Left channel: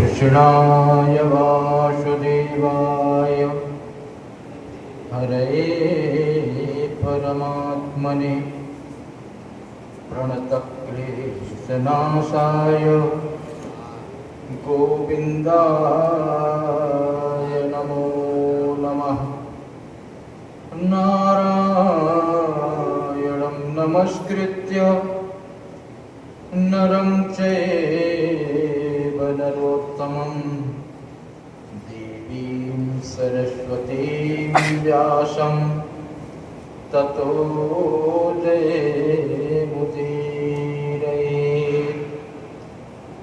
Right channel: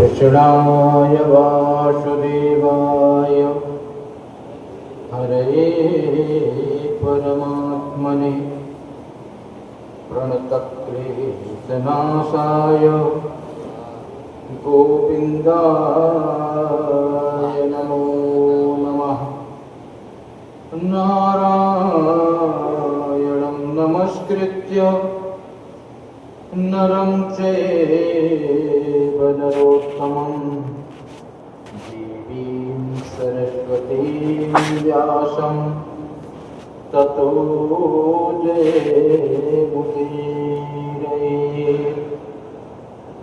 कृष्णाय वासुदेवाय हरये परमात्मने प्रणतक्लेशनाशाय गोविन्दाय नमो नमः। नारायणं नमस्कृत्य नरं चैव नरोत्तमं देवीं सरस्वतीं व्यासं ततो जयमुदीरये।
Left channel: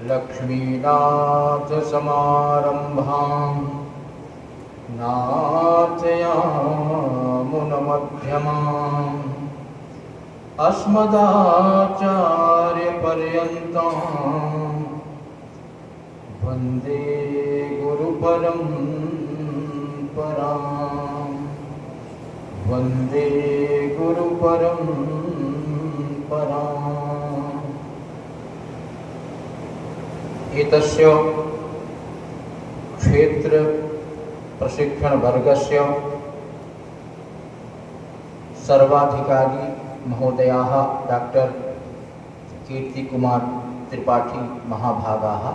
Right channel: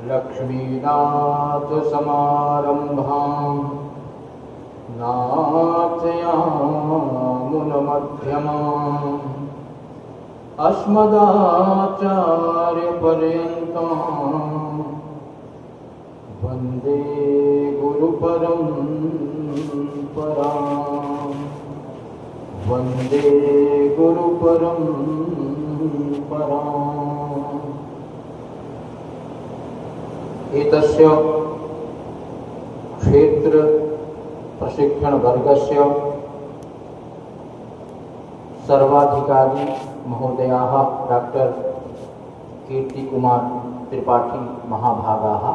लक्ष्मीनाथसमारम्भां नाथयामुनमध्यमाम् अस्मदाचार्यपर्यन्तं वन्दे गुरुपरम्परां वन्दे गुरुपरम्पराम्। एतस्य क्षेत्र प्रशिक्षणवर्गस्य सर्वाधिकारी महोदयाः डॉक्टर कीर्तिकुमार त्रिपाठी महाभागाः,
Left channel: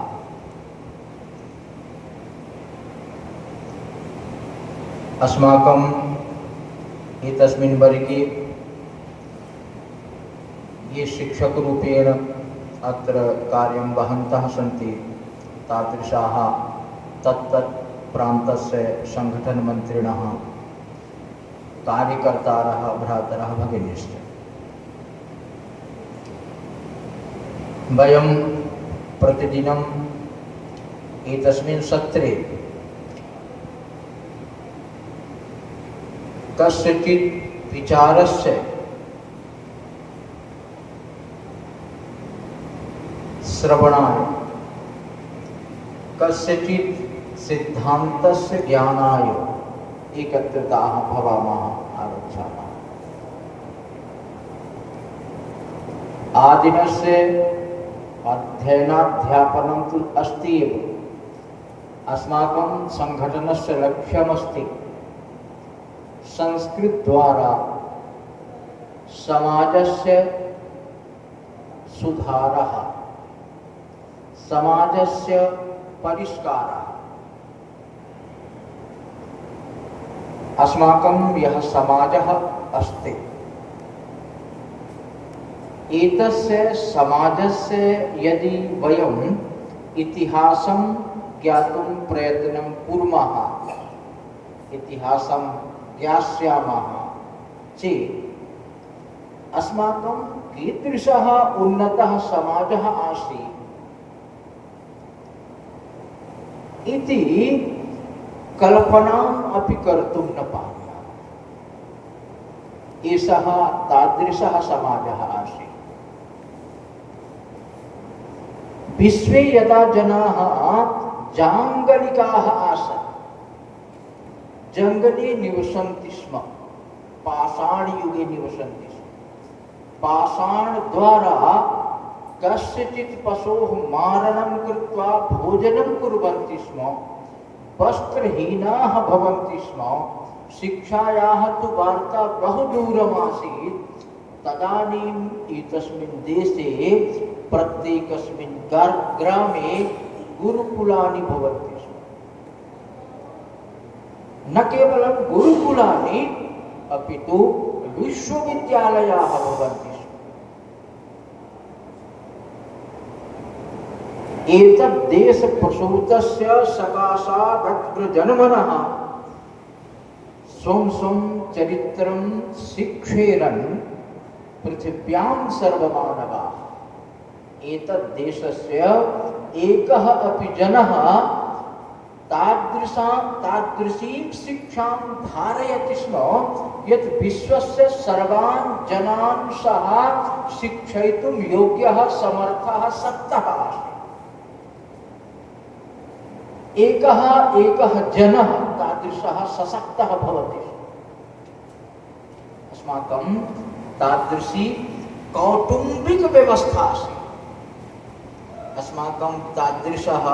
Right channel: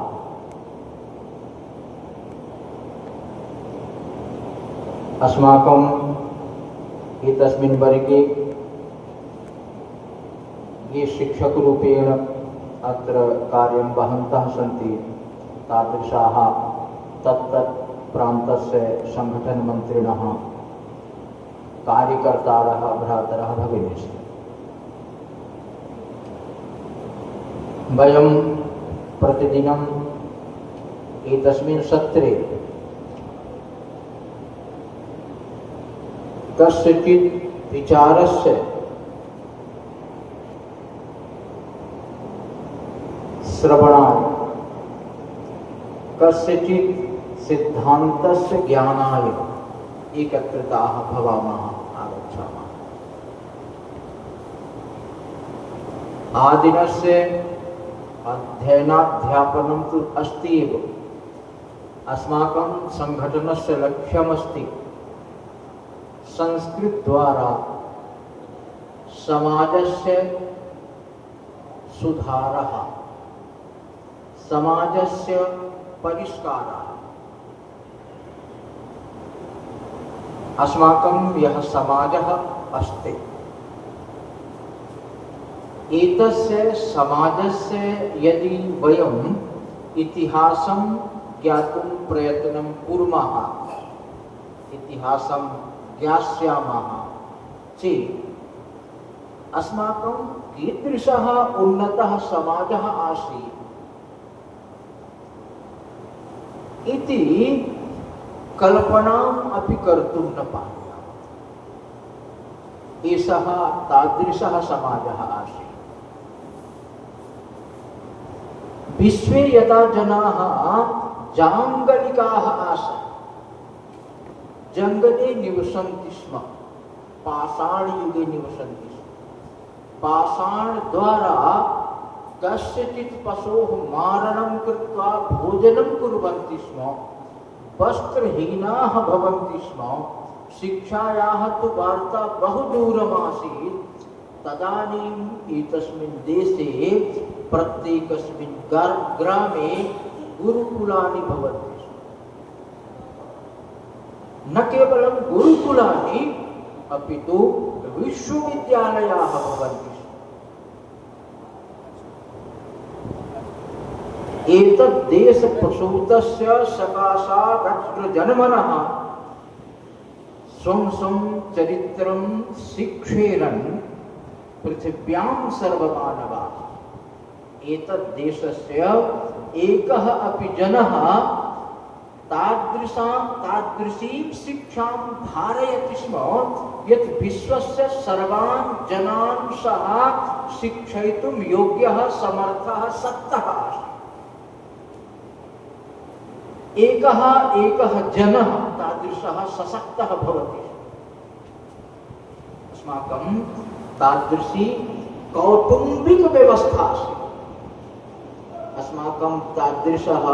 अस्माकं एतस्मिन् वर्गे ये शिक्षकरूपेण अत्र कार्यं वहन्तः सन्ति तादृशाः तत्तत् प्रान्तस्य संघटनमन्त्रिणः, कार्यकर्तारः, भ्रातरः, भगिनीश्च। वयं प्रतिदिनं एतस्मिन् सत्रे कस्यचित् विचारस्य श्रवणाय, कस्यचित् सिद्धान्तस्य ज्ञानाय एकत्रिताः भवामः, आगच्छामः। आदिनस्य अध्ययनाध्यापनं तु अस्ति एव। अस्माकं संघटनस्य लक्ष्यमस्ति संस्कृतद्वारा समाजस्य सुधारः, समाजस्य परिष्कारः। अस्माकं यः समाजः अस्ति, एतस्य समाजस्य यदि वयम् इतिहासं ज्ञातुं प्रयत्नं कुर्मः, इतिहासं ज्ञास्यामः चेत् अस्माकं कीदृशः उन्नतः समाजः आसीत् इति कल्पनाम् अपि कर्तुं न पारयामः। एषः तादृशः समाजः आसीत्। विश्वे यदा जनाः जाङ्गलिकाः आसन्, जङ्गले निवसन्ति स्म, पाषाणयुगे निवसन्ति स्म। पाषाणद्वारा कस्यचित् पशोः मारणं कृत्वा भोजनं कुर्वन्ति स्म, वस्त्रहीनाः भवन्ति स्म, शिक्षायाः तु वार्ता बहु दूरमासीत्। तदानीम् एतस्मिन् देशे प्रत्येकस्मिन् ग्रामे गुरुकुलानि भवन्ति स्म। न केवलं गुरुकुलानि अपि तु विश्वविद्यालयाः भवन्ति स्म। एतद् देशप्रसूतस्य सकाशादत्र जन्मनः स्वं स्वं चरित्रं शिक्षेरन् पृथिव्यां सर्वमानवाः। एतद् देशस्य एकः अपि जनः तादृशीं शिक्षां धारयति स्म यत् विश्वस्य सर्वान् जनान् सः शिक्षयितुं योग्यः, समर्थः, शक्तः अस्ति। एकः जनः तादृशः सशक्तः भवति। अस्माकं तादृशी कौटुम्बिक व्यवस्था अस्ति। अस्माकं तादृशः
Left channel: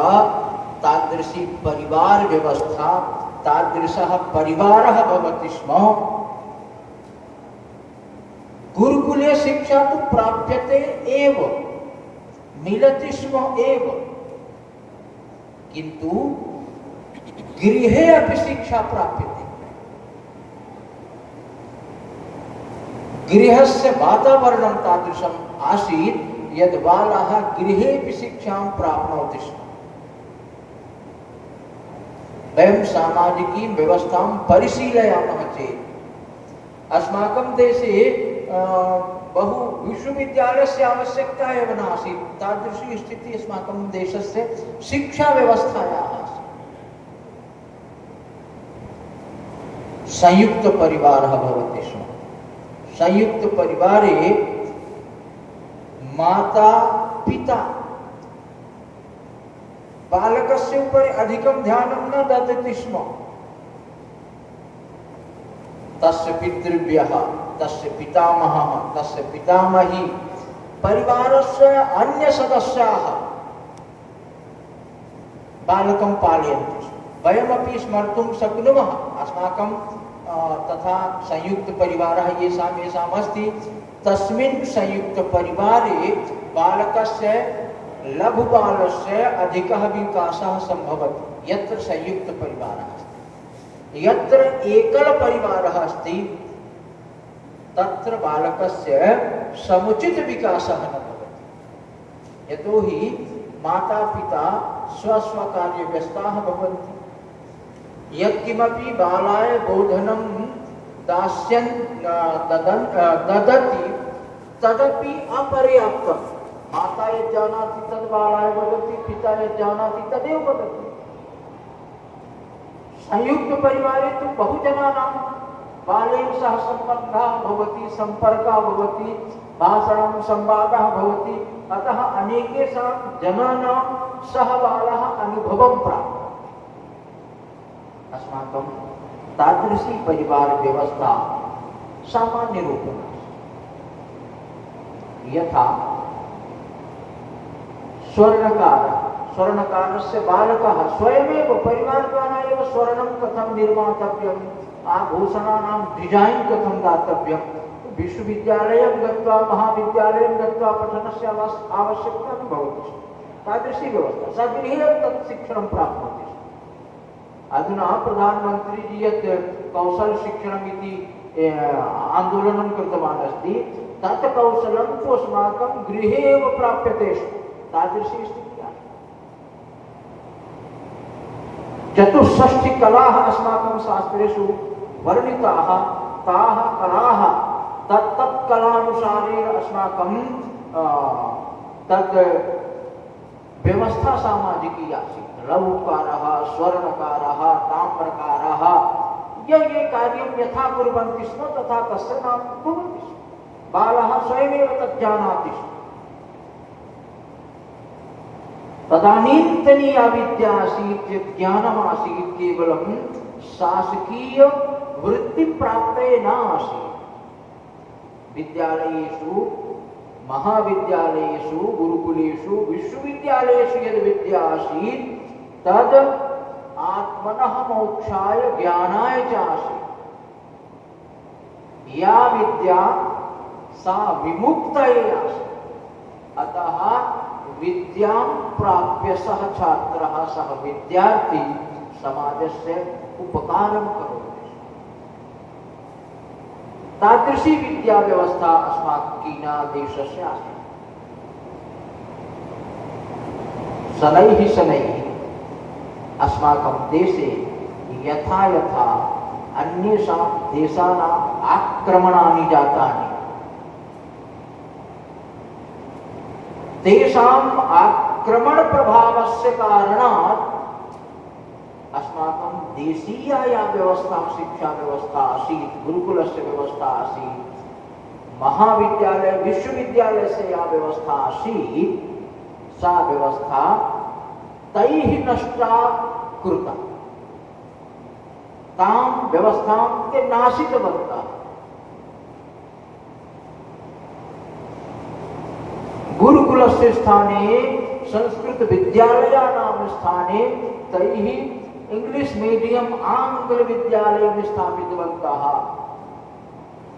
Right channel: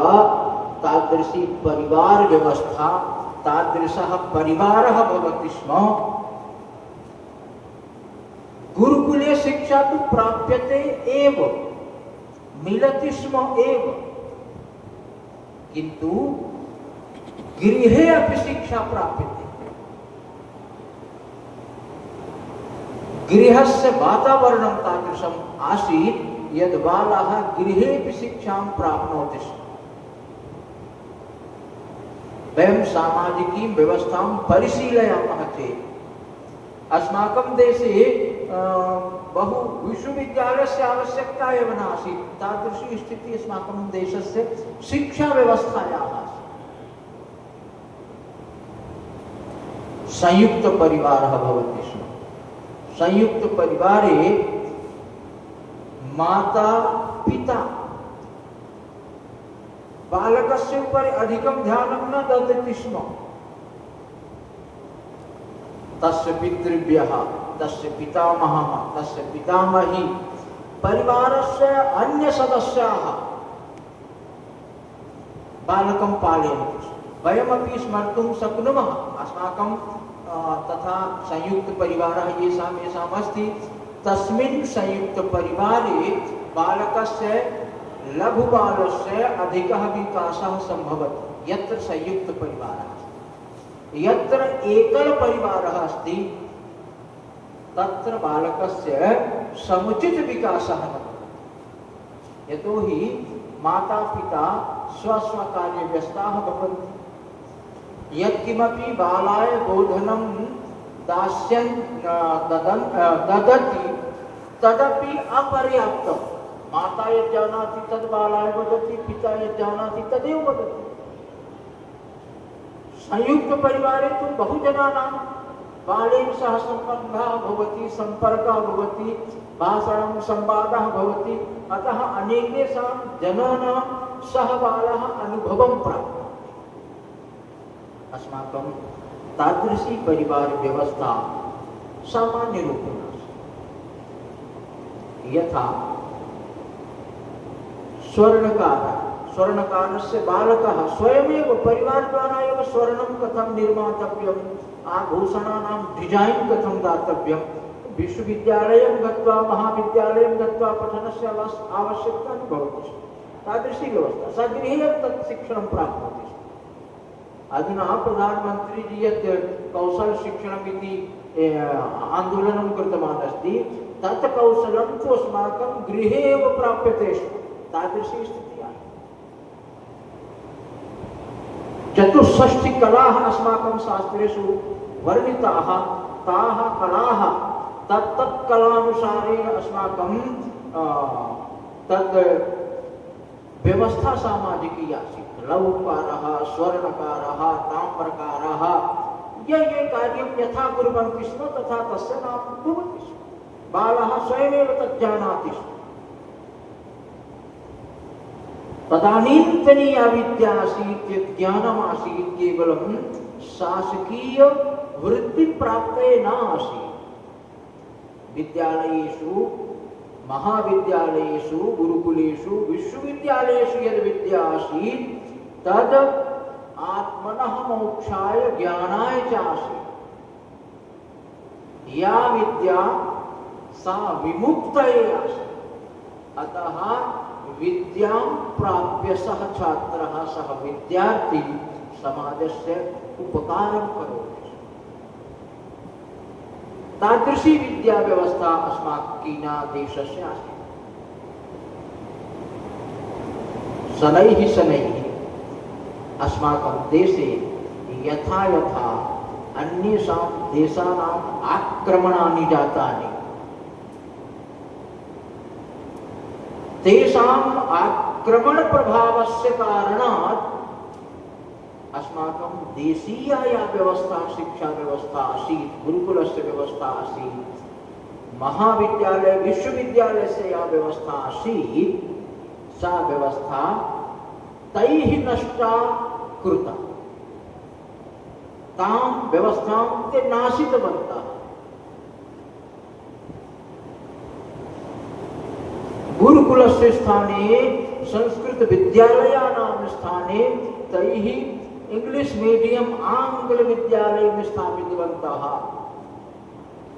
तादृशी परिवार व्यवस्था, तादृशः परिवारः भवति स्म। गुरुकुले शिक्षा तु प्राप्यते एव, मिलति स्म एव, किन्तु गृहे अपि शिक्षा प्राप्यते। गृहस्य वातावरणं तादृशम् आसीत् यद् बालाः गृहेऽपि शिक्षां प्राप्नोति स्म। वयं सामाजिकीं व्यवस्थां परिशीलयामः चेत् अस्माकं देशे बहु विश्वविद्यालयस्य आवश्यकता एव नासीत्। तादृशी स्थितिः अस्माकं देशस्य शिक्षाव्यवस्थायाः आसीत्। संयुक्तपरिवारः भवति स्म। संयुक्तपरिवारे माता पिता बालकस्य उपरि अधिकं ध्यानं न ददति स्म। तस्य पितृव्यः, तस्य पितामहः, तस्य पितामही, परिवारस्य अन्य सदस्याः बालकं पालयन्ति स्म। वयमपि स्मर्तुं शक्नुमः। अस्माकं तथा संयुक्तपरिवारः येषाम् अस्ति, तस्मिन् संयुक्तपरिवारे बालकस्य, लघुबालस्य अधिकः विकासः सम्भवति यत्र संयुक्तपरिवारः अस्ति। यत्र एकलपरिवारः अस्ति तत्र बालकस्य समुचित विकासः न भवति। यतोहि माता पिता स्वस्वकार्यव्यस्ताः भवन्ति। यत्किमपि बालाय बोधनं दास्यन् ददति तदपि अपर्याप्तं। माता यत् जानाति तद् बालाय वदति, पिता यत् जानाति तदेव वदति। संयुक्तपरिवारे तु बहुजनानां बालेन सह सम्बन्धः भवति, सम्पर्कः भवति, भाषणं संवादः भवति। अतः अनेकेषां जनानां सह बालः अनुभवं प्राप्नोति। अस्माकं तादृशी परिवार व्यवस्था सामान्यरूपेण यथा स्वर्णकारस्य बालकः स्वयमेव परिवारद्वारा एव स्वर्णं कथं निर्मातव्यम्, आभूषणानां डिज़ैन् कथं दातव्यं, विश्वविद्यालयं गत्वा महाविद्यालयं गत्वा पठनस्य आवश्यकता न भवति। तादृशी व्यवस्था सगृहे तत् शिक्षणं प्राप्नोति। अधुना प्रधानमंत्री जी यत् कौशल शिक्षणम् इति आंदोलनं कृतवान् अस्ति, तत् कौशलं तु अस्माकं गृहे एव प्राप्यते स्म। तादृशी स्थितिः। 64 कलाः अस्माकं शास्त्रेषु वर्णिताः। ताः कलाः तत्तत् कलानुसारेण अस्माकं तद् व्यवस्था सामाजिकी आसीत्। लघुकारः, स्वर्णकारः, ताम्रकारः, ये कार्यं यथा कुर्वन्ति स्म तथा तस्य नाम भवति स्म। बालः स्वयमेव तत् जानाति स्म। तदानीन्तनीया विद्या आसीत्, यत् ज्ञानमासीत् केवलं शासकीय वृत्तिप्राप्तये न आसीत्। विद्यालयेषु, महाविद्यालयेषु, गुरुकुलेषु, विश्वविद्यालयेषु यद् विद्या आसीत् तद् आत्मनः मोक्षाय ज्ञानाय च आसीत्। या विद्या सा विमुक्तये आसीत्। अतः विद्यां प्राप्य सः छात्रः, सः विद्यार्थी समाजस्य उपकारं करोति। तादृशी विद्या व्यवस्था अस्माकं देशस्य अस्ति। शनैः अस्माकं देशे यथा यथा अन्येषां देशानाम् आक्रमणानि जातानि, तेषाम् आक्रमणप्रभावस्य कारणात् अस्माकं देशीया या व्यवस्था, शिक्षा व्यवस्था आसीत्, गुरुकुलस्य व्यवस्था आसीत्, महाविद्यालय विश्वविद्यालयस्य या व्यवस्था आसीत्, सा व्यवस्था तैः नष्टा कृता। तां व्यवस्थां ते नाशितवन्तः। गुरुकुलस्य स्थाने संस्कृत विद्यालयानां स्थाने तैः इंग्लिश मीडियम आंग्ल विद्यालयं स्थापितवन्तः,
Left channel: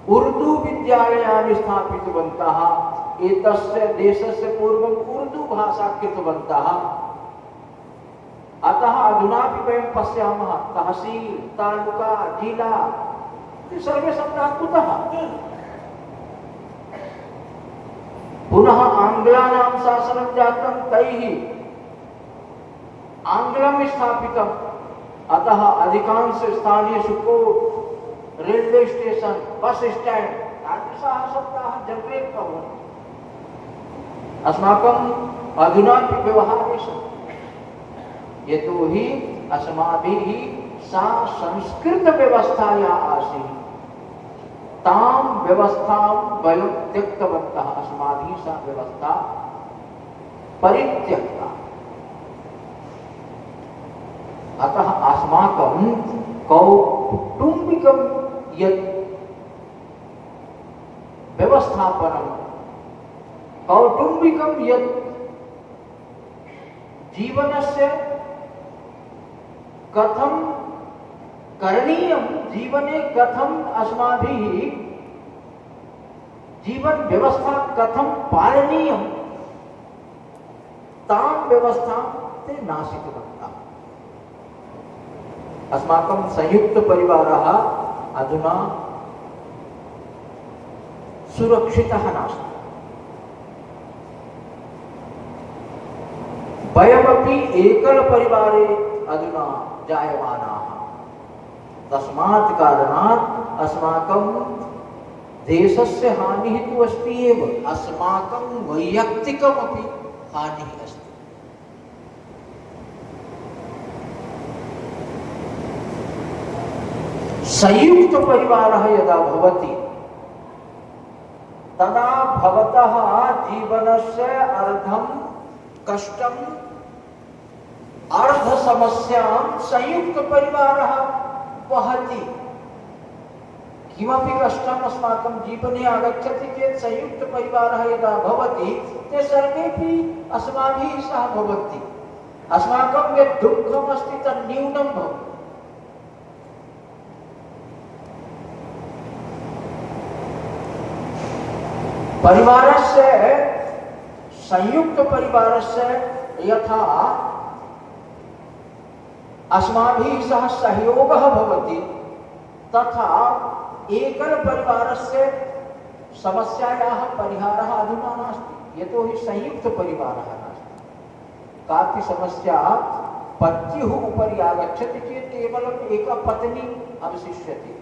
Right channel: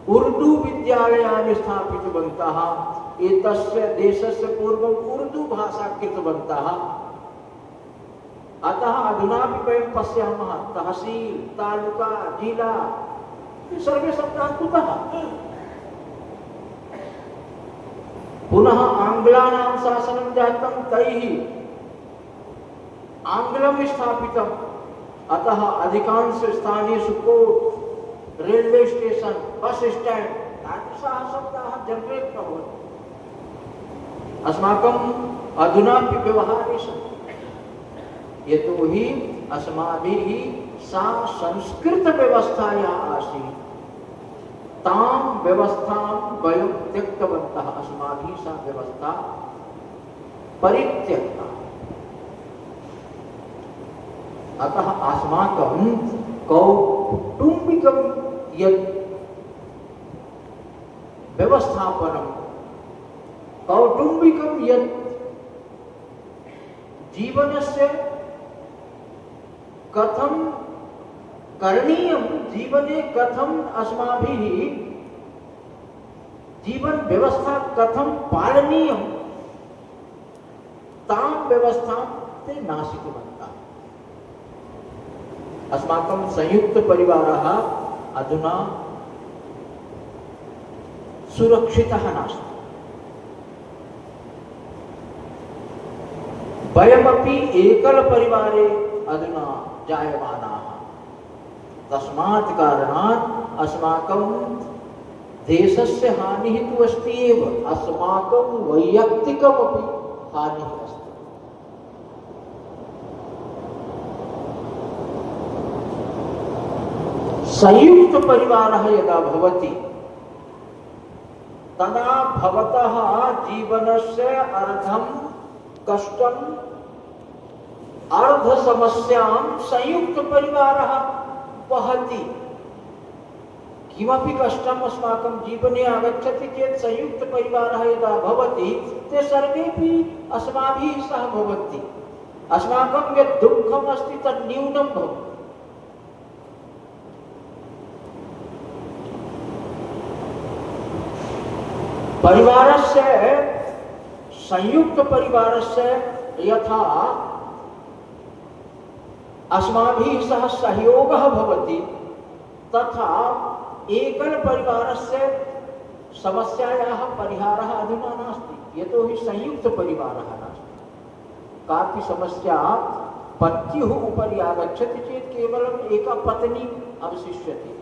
उर्दू विद्यालयानि स्थापितवन्तः। एतस्य देशस्य पूर्वम् उर्दू भाषा कृतवन्तः। अतः अधुनापि वयं पश्यामः तहसील, तालुका, जिला सर्वे शब्दाः कुतः? पुनः आंग्लानां शासनं जातं, तैः आंग्लं स्थापितम्। अतः अधिकांश स्थानेषु court, railway station, bus stand तादृशाः शब्दाः जनरेट् भवन्ति। अस्माकम् अधुनापि व्यवहारे सन्ति। यतोहि अस्माभिः सा संस्कृतव्यवस्था या आसीत् तां व्यवस्थां वयं त्यक्तवन्तः। अस्माभिः सा व्यवस्था परित्यक्ता। अतः अस्माकं कौटुम्बिकं यत् व्यवस्थापनं, कौटुम्बिकं यत् जीवनस्य कथं करणीयं, जीवने कथं अस्माभिः जीवन व्यवस्था कथं पालनीयं, तां व्यवस्थां ते नाशितवन्तः। अस्माकं संयुक्त परिवारः अधुना सुरक्षितः नास्ति। वयमपि एकल परिवारे अधुना जायमानाः। तस्मात् कारणात् अस्माकं देशस्य हानिः तु अस्ति एव, अस्माकं वैयक्तिकमपि हानिः अस्ति। संयुक्त परिवारः यदा भवति तदा भवतः जीवनस्य अर्धं कष्टं, अर्ध समस्यां संयुक्त परिवारः वहति। किमपि कष्टम् अस्माकं जीवने आगच्छति चेत् संयुक्त परिवारः यदा भवति ते सर्वेपि अस्माभिः सह भवन्ति। अस्माकं यत् दुःखम् अस्ति तत् न्यूनं भवति। परिवारस्य, संयुक्त परिवारस्य यथा अस्माभिः सह सहयोगः भवति तथा एकल परिवारस्य समस्यायाः परिहारः अधुना नास्ति। यतोहि संयुक्त परिवारः नास्ति। कापि समस्या पत्युः उपरि आगच्छति चेत् केवलम् एका पत्नी अवशिष्यते,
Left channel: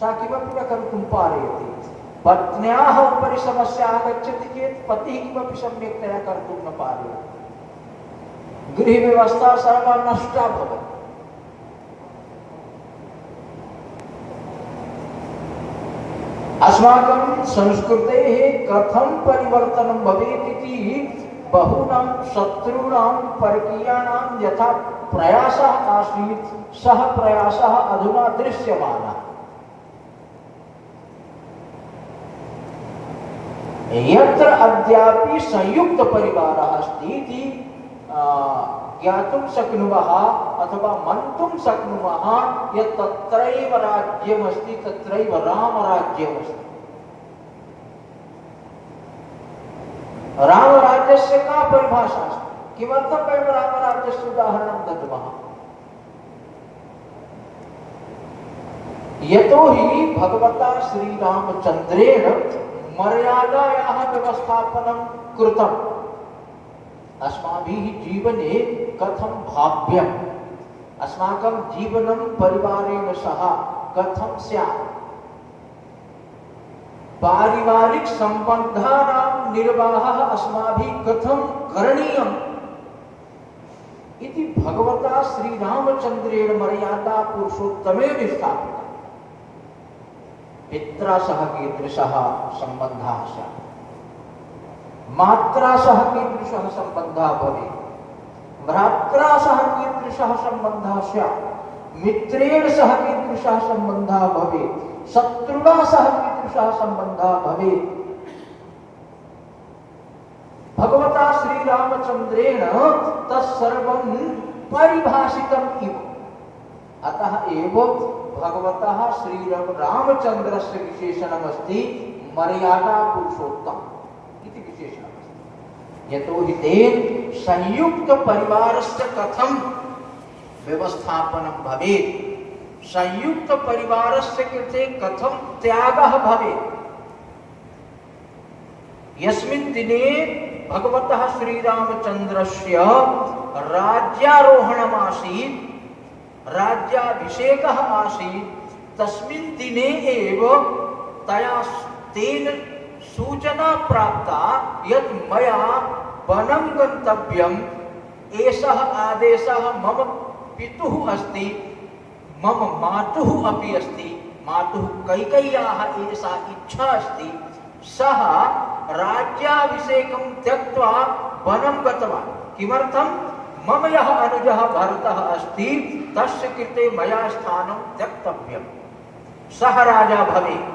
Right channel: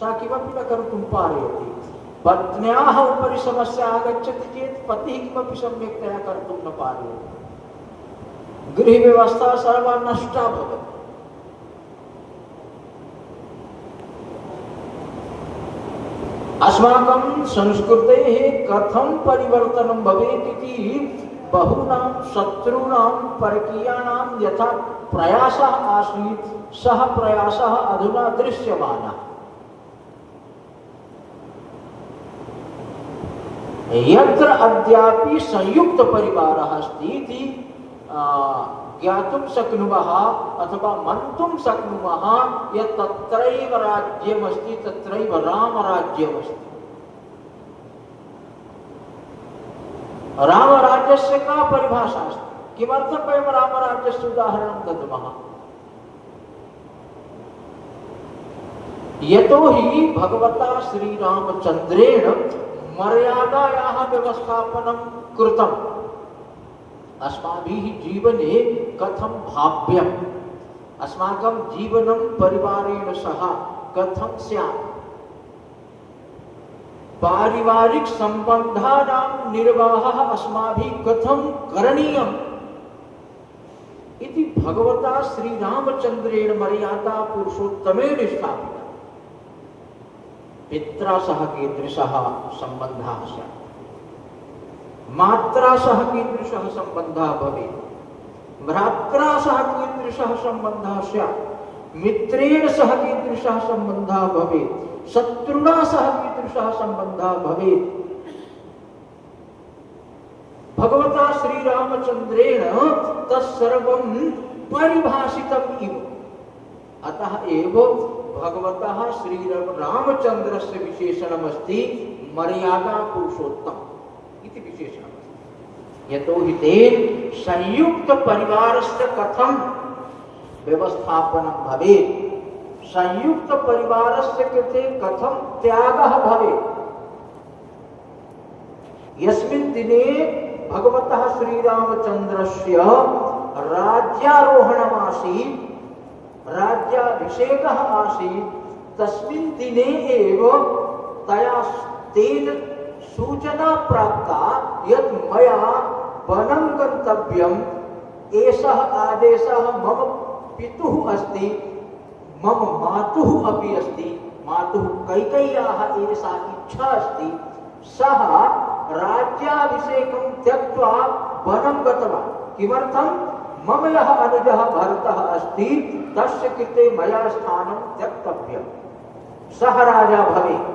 सा किमपि न कर्तुं पारयति। पत्न्याः उपरि समस्या आगच्छति चेत् पतिः किमपि सम्यक्तया कर्तुं न पारयति। गृहव्यवस्था सर्वा नष्टा भवति। अस्माकं संस्कृतेः कथं परिवर्तनं भवेत् इति बहूनां शत्रूणां परकीयानां यथा प्रयासः आसीत् सः प्रयासः अधुना दृश्यमानः। यत्र अद्यापि संयुक्त परिवारः अस्ति इति ज्ञातुं शक्नुमः अथवा मन्तुं शक्नुमः यत् तत्रैव राज्यमस्ति, तत्रैव रामराज्यमस्ति। रामराज्यस्य का परिभाषा अस्ति? किमर्थं वयं रामराज्यस्य उदाहरणं दद्मः? यतोहि भगवता श्रीरामचन्द्रेण मर्यादायाः व्यवस्थापनं कृतम्। अस्माभिः जीवने कथं भाव्यम्, अस्माकं जीवनं परिवारेण सह कथं स्यात्, पारिवारिक सम्बन्धानां निर्वाहः अस्माभिः कथं करणीयम् इति भगवता श्रीरामचन्द्रेण मर्यादा पुरुषोत्तमेन स्थापिता। पित्रा सह कीदृशः सम्बन्धः स्यात्, मात्रा सह कीदृशः सम्बन्धः भवेत्, भ्रात्रा सह कीदृशः सम्बन्धः स्यात्, मित्रेण सह कीदृशः सम्बन्धः भवेत्, शत्रुणा सह कीदृशः सम्बन्धः भवेत्। भगवता श्री रामचंद्रेण तत्सर्वं परिभाषितम् इव। अतः एव भगवतः श्री रामचंद्रस्य विशेषणमस्ति मर्यादा पुरुषोत्तम इति विशेषणमस्ति। यतोहि तेन संयुक्त परिवारस्य कथं व्यवस्थापनं भवेत्, संयुक्त परिवारस्य कृते कथं त्यागः भवेत्। यस्मिन् दिने भगवतः श्रीरामचन्द्रस्य राज्यारोहणम् आसीत्, राज्याभिषेकः आसीत्, तस्मिन् दिने एव तेन सूचना प्राप्ता यत् मया वनं गन्तव्यम्। एषः आदेशः मम पितुः अस्ति, मम मातुः अपि अस्ति, मातुः कैकेय्याः एषा इच्छा अस्ति। सः राज्याभिषेकं त्यक्त्वा वनं गतवान्। किमर्थं? मम यः अनुजः भरतः अस्ति तस्य कृते मया स्थानं त्यक्तव्यम्। सः राजा भवेत्,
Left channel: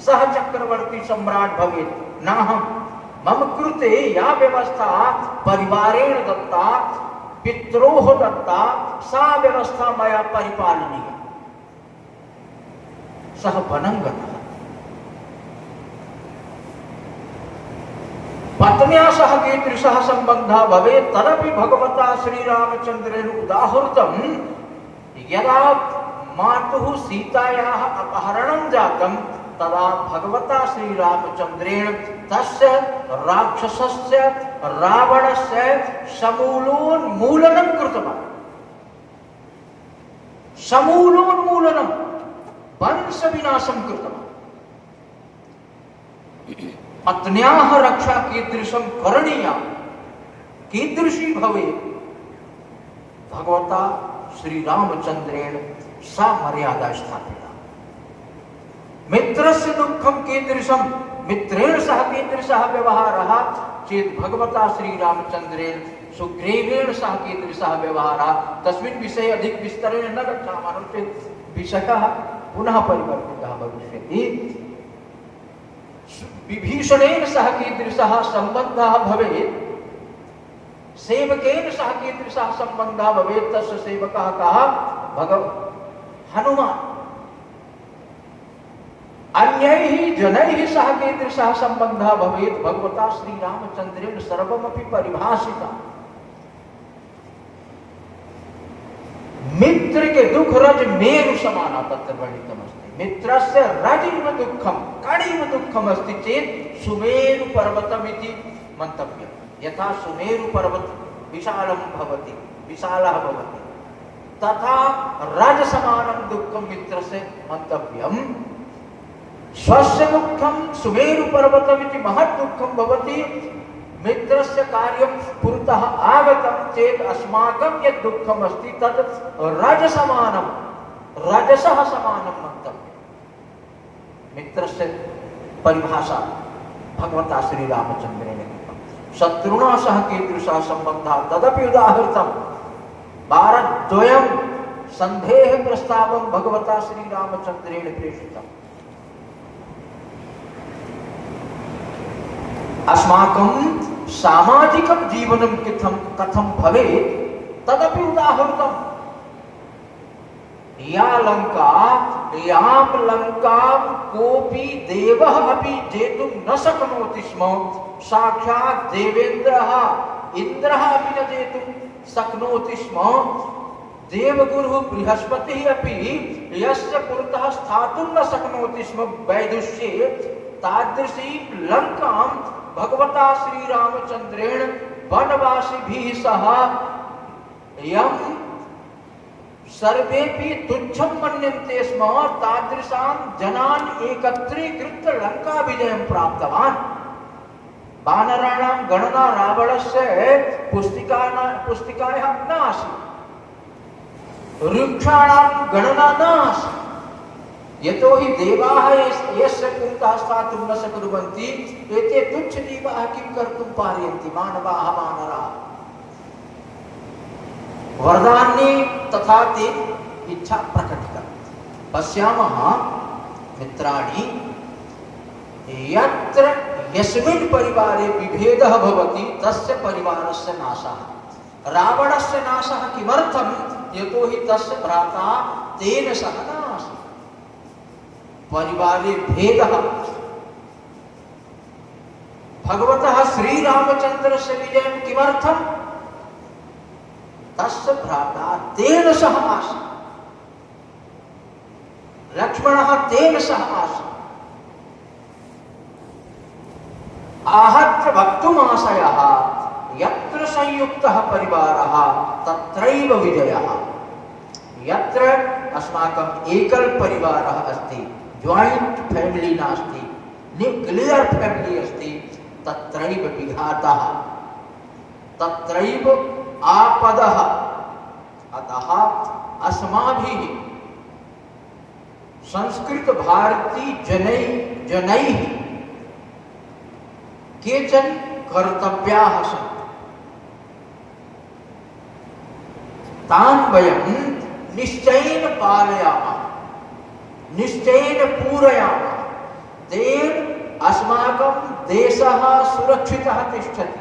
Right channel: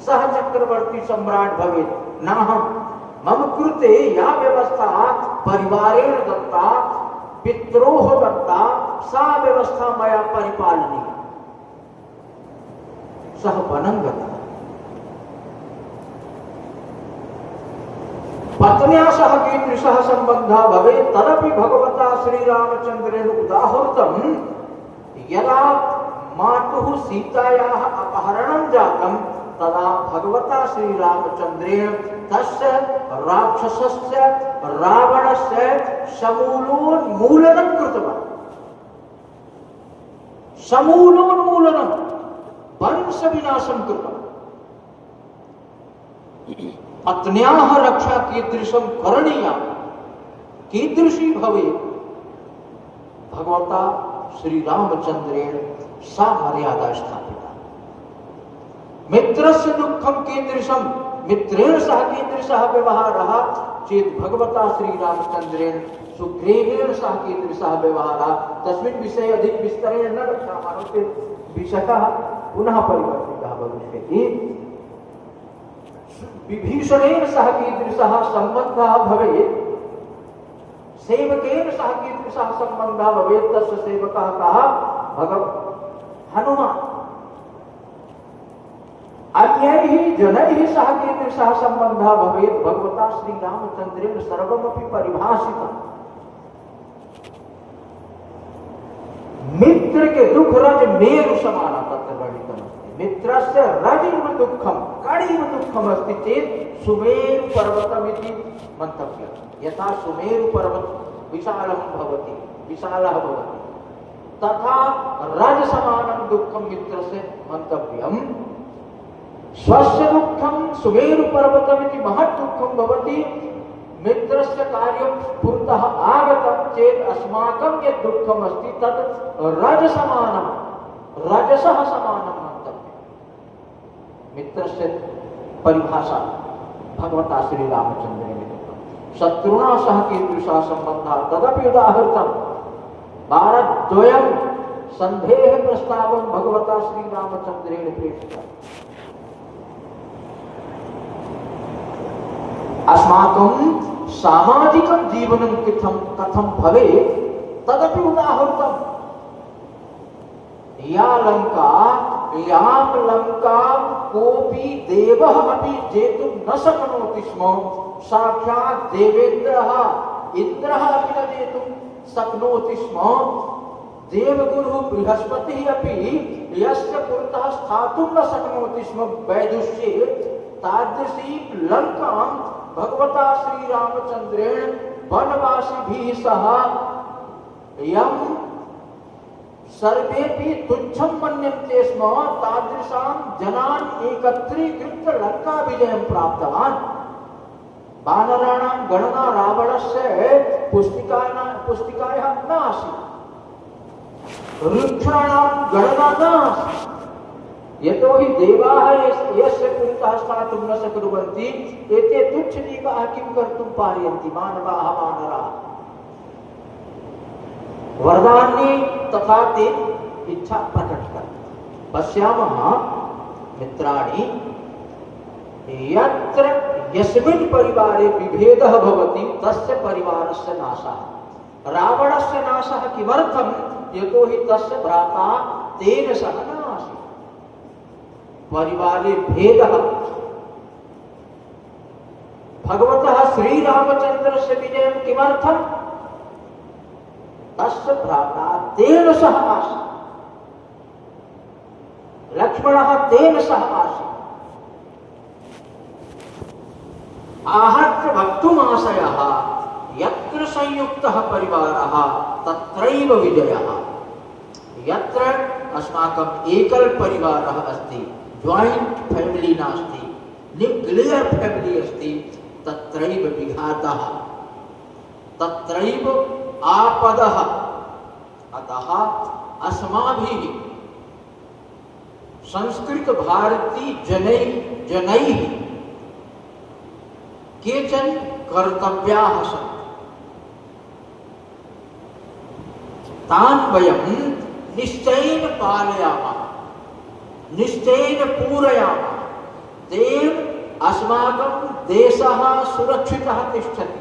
सः चक्रवर्ती सम्राट् भवेत्, नाहं। मम कृते या व्यवस्था परिवारेण दत्ता, पित्रोः दत्ता, सा व्यवस्था मया परिपालनीया। सः वनं गतः। पत्न्या सह कीदृशः सम्बन्धः भवेत् तदपि भगवता श्रीरामचन्द्रेण उदाहृतं। यदा मातुः सीतायाः अपहरणं जातं तदा भगवता श्रीरामचन्द्रेण तस्य राक्षसस्य रावणस्य समूलोन्मूलनं कृतवान्। समूलोन्मूलनं, वंशविनाशं कृतवान्। पत्न्याः रक्षा कीदृशं करणीया, कीदृशी भवेत्, भगवता श्रीरामचन्द्रेण सा मर्यादा स्थापिता। मित्रस्य दुःखं कीदृशं, मित्रेण सह कीदृशः व्यवहारः चेत् भगवता श्रीरामचन्द्रेण सुग्रीवेण सह कीदृशः व्यवहारः, तस्मिन् विषये अधिक विस्तरेण न गच्छामः चेत् विषयः पुनः परिवर्तितः भविष्यति। विभीषणेन सह कीदृशः सम्बन्धः भवेत्, सेवकेन सह कीदृशः सम्बन्धः भवेत्, तस्य सेवकः कः? हनुमान्। अन्यैः जनैः सह कीदृशः सम्बन्धः भवेत्, भगवता श्रीरामचन्द्रेण सर्वमपि परिभाषितम्। मित्र के दुख रज मेरु समानम् तत्र वर्णितमस्ति। मित्रस्य रजिव दुःखं कडिव दुःखम् अस्ति चेत् सुमेरु पर्वतमिति मन्तव्यम्। यथा सुमेरु पर्वत विशालं भवति, विशालः भवति, तथा रज समानं दुःखं मित्रस्य मन्तव्यम्। स्वस्य दुःखं सुमेरु पर्वतमिति महत् दुःखं भवति। मित्रस्य कार्यं पुरतः आगतं चेत् अस्माकं यत् दुःखम् अस्ति तत् रज समानं, रजसः समानं मन्तव्यम्। मित्रस्य परिभाषा भगवता श्रीरामचन्द्रेण। शत्रुणा सह कीदृशः सम्बन्धः तदपि उदाहृतम्। वारद्वयं सन्धेः प्रस्तावं भगवता श्रीरामचन्द्रेण प्रेषितम्। अस्माकं सामाजिकं जीवनं कथं भवेत् तदपि उदाहृतम्। यां लङ्कां कोऽपि देवः अपि जेतुं न शक्नोति स्म, साक्षात् देवेन्द्रः इन्द्रः अपि न जेतुं शक्नोति स्म। देवगुरुः बृहस्पतिः अपि यस्य पुरतः स्थातुं न शक्नोति स्म वैदुष्ये, तादृशी लङ्कां भगवता श्रीरामचन्द्रेण वनवासिभिः सह यं सर्वेपि तुच्छं मन्यन्ते स्म तादृशां जनान् एकत्रीकृत्य लङ्काविजयं प्राप्तवान्। वानराणां गणना रावणस्य पुस्तिकायां न आसीत्, वृक्षाणां गणना न आसीत्। यतोहि देवाः यस्य पुरतः स्थातुं न शक्नुवन्ति, एते तुच्छजीवाः किं कर्तुं पारयन्ति, मानवाः वानराः। वरदान्ये तथा ते इच्छा प्रकटितवन्तः। पश्यामः मित्राणि, यत्र यस्मिन् परिवारे विभेदः भवति तस्य परिवारस्य नाशः। रावणस्य नाशः किमर्थं? यतो हि तस्य भ्राता तेन सह न आसीत्। परिवारे भेदः। भगवतः श्रीरामचन्द्रस्य विजयं किमर्थं? तस्य भ्राता तेन सह आसीत्। लक्ष्मणः तेन सह आसीत्। आहत्य वक्तुमाशयः यत्र संयुक्तः परिवारः तत्रैव विजयः। यत्र अस्माकम् एकल परिवारः अस्ति, जॉइंट फैमिली नास्ति, न्यूक्लियर फैमिली अस्ति, तत्रैव विघातः, तत्रैव आपदः। अतः अस्माभिः संस्कृत भारती जनैः केचन कर्तव्याः सन्ति। तान् वयं निश्चयेन पालयामः, निश्चयेन पूरयामः। तेन अस्माकं देशः सुरक्षितः तिष्ठति,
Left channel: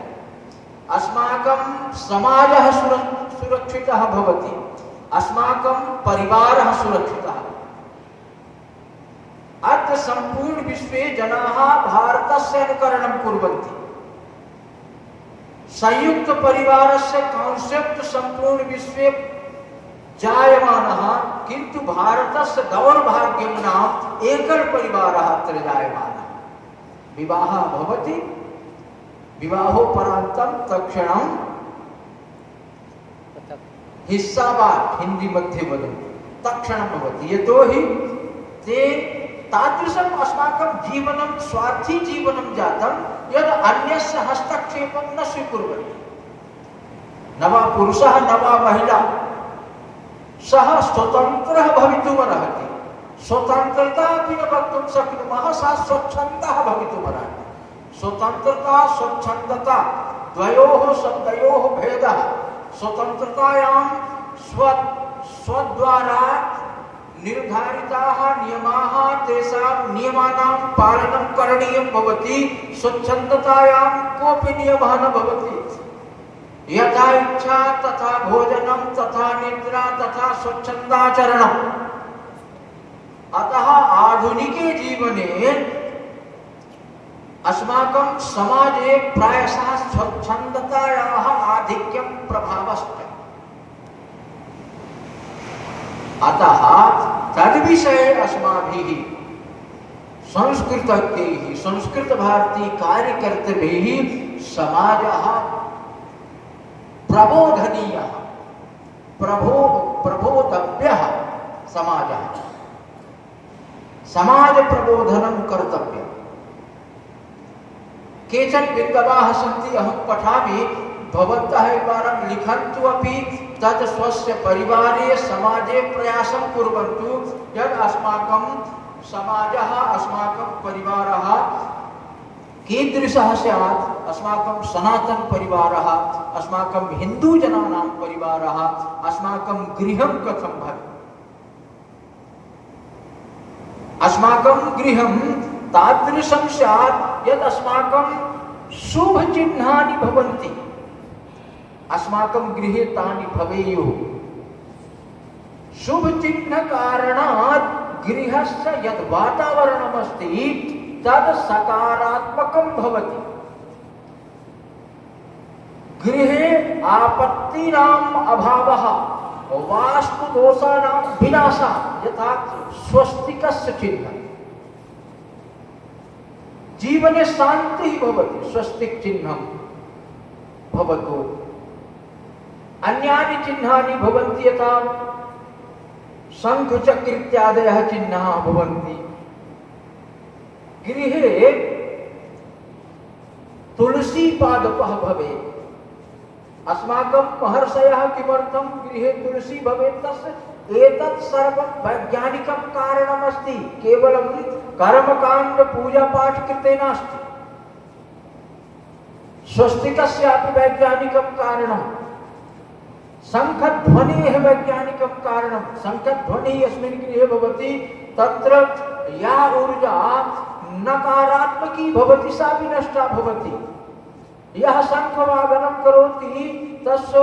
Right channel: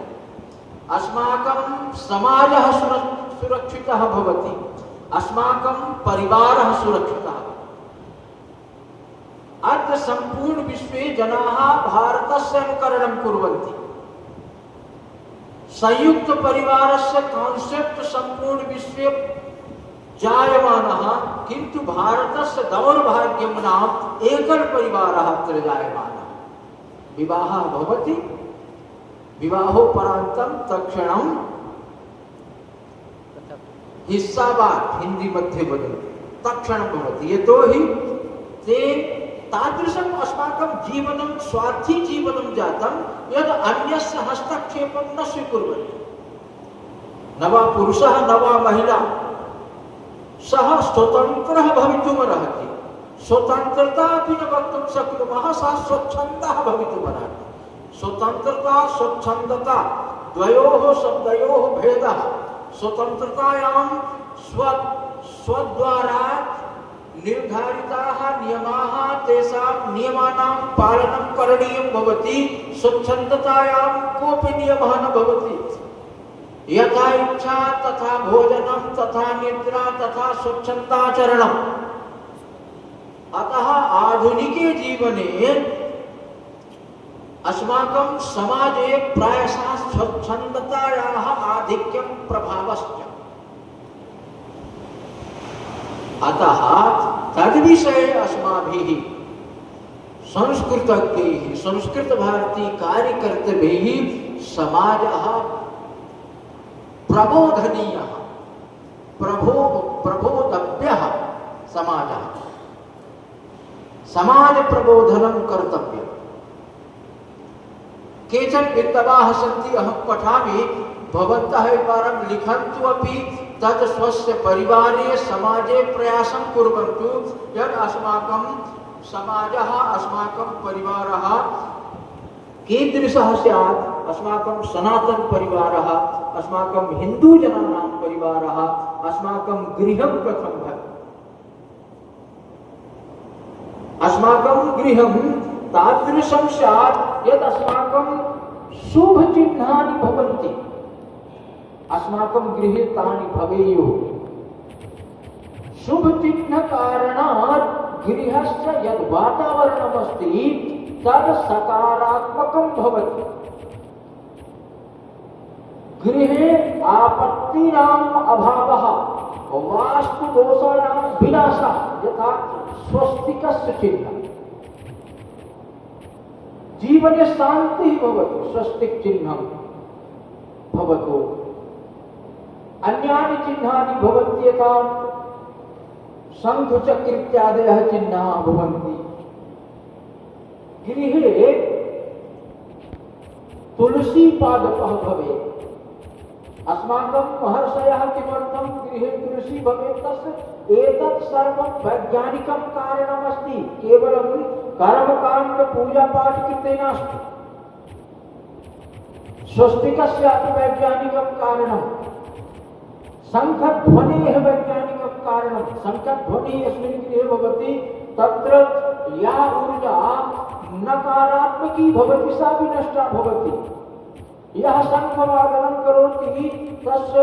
अस्माकं समाजः सुरक्षितः भवति, अस्माकं परिवारः सुरक्षितः। अद्य संपूर्ण विश्वे जनाः भारतस्य अनुकरणं कुर्वन्ति। संयुक्त परिवारस्य कांसेप्ट संपूर्ण विश्वे जायमानः, किन्तु भारतस्य दौर्भाग्यं नाम एकल परिवारः अत्र जायमानः। विवाहः भवति, विवाहोपरान्तं तत्क्षणं हिस्सावाद हिंदी मध्ये वदति, तत्क्षणं भवति। यतोहि ते तादृशम् अस्माकं जीवनं स्वार्थी जीवनं जातं यद् अन्यस्य हस्तक्षेपं न स्वीकुर्वन्ति। न वा पुरुषः न वा महिला, सः स्वतन्त्रः भवितुमर्हति। स्वतन्त्रता अपि न वक्तुं शक्नुमः, सः स्वच्छन्दः भवितुमर्हति। स्वतन्त्रता स्वच्छन्दता द्वयोः शब्दयोः भेदः। स्वतन्त्रतायां स्वद्वारा निर्धारिताः नियमाः, तेषां नियमानां पालनं करणीयं भवति। स्वच्छन्दतायां कोऽपि नियमः न भवति। यथा इच्छा तथा भोजनं, तथा निद्रा, तथा स्वच्छन्दाचरणम्। अतः आधुनिके जीवने अस्माकं समाजे प्रायशः स्वच्छन्दतायाः आधिक्यं प्रभावश्च। अतः तद्विषये अस्माभिः संस्कृतज्ञैः, संस्कृत भारती कार्यकर्तृभिः समाजः प्रबोधनीयः, प्रबोधव्यः समाजः। समाज प्रबोधनं कर्तव्यम्। केचन विद्वांसः सन्ति, अहं पठामि, भवन्तः एकवारं लिखन्तु अपि तत् स्वस्य परिवारे समाजे प्रयासं कुर्वन्तु यत् अस्माकं समाजः, अस्माकं परिवारः कीदृशः स्यात्। अस्माकं सनातन परिवारः, अस्माकं हिन्दूजनानां परिवारः, अस्माकं गृहं कथं भवेत्। अस्माकं गृहं तादृशं स्यात् यत् अस्माकं शुभचिह्नानि भवन्ति। अस्माकं गृहे तानि भवेयुः। शुभचिह्न कारणात् गृहस्य यद् वातावरणम् अस्ति तद् सकारात्मकं भवति। गृहे आपत्तीनाम् अभावः, वास्तुदोषाणां विनाशः, यथा स्वस्तिकस्य चिह्नं। जीवने शान्तिः भवति, स्वस्तिक चिह्नं भवतु। अन्यानि चिह्नानि भवन्ति, यथा शङ्खचक्र इत्यादयः चिह्नाः भवन्ति। गृहे तुलसी पादपः भवेत्। अस्माकं महर्षयः किमर्थं गृहे तुलसी भवेत्, तस्य एतत् सर्वं वैज्ञानिकं कारणमस्ति। केवलं कर्मकाण्ड पूजापाठ कृते नास्ति। स्वस्तिकस्यापि वैज्ञानिकं कारणम्। शङ्खध्वनेः वैज्ञानिकं कारणं। शङ्खध्वनिः यस्मिन् गृहे भवति तत्र या ऊर्जा नकारात्मकी भवति सा विनष्टा भवति। यः संभवागनं करोति तस्य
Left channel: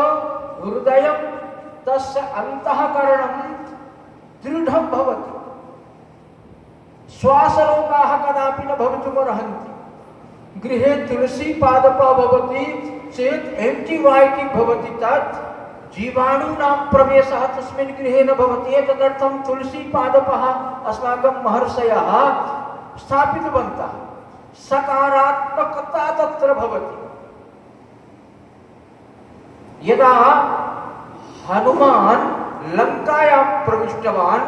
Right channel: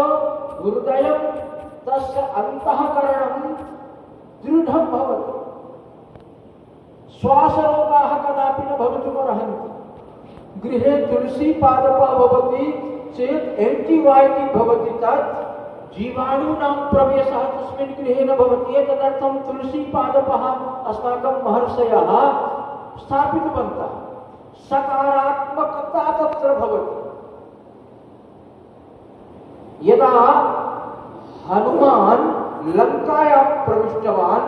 हृदयं तस्य अन्तःकरणं दृढं भवति। श्वासरोगाः कदापि न भवितुमर्हन्ति। गृहे तुलसी पादपः भवति चेत् एंटीबायोटिक भवति, तत् जीवाणूनां प्रवेशः तस्मिन् गृहे न भवति। एतदर्थं तुलसी पादपः अस्माकं महर्षयः स्थापितवन्तः। सकारात्मकता तत्र भवति। यदा हनुमान् लङ्कायां प्रविष्टवान्,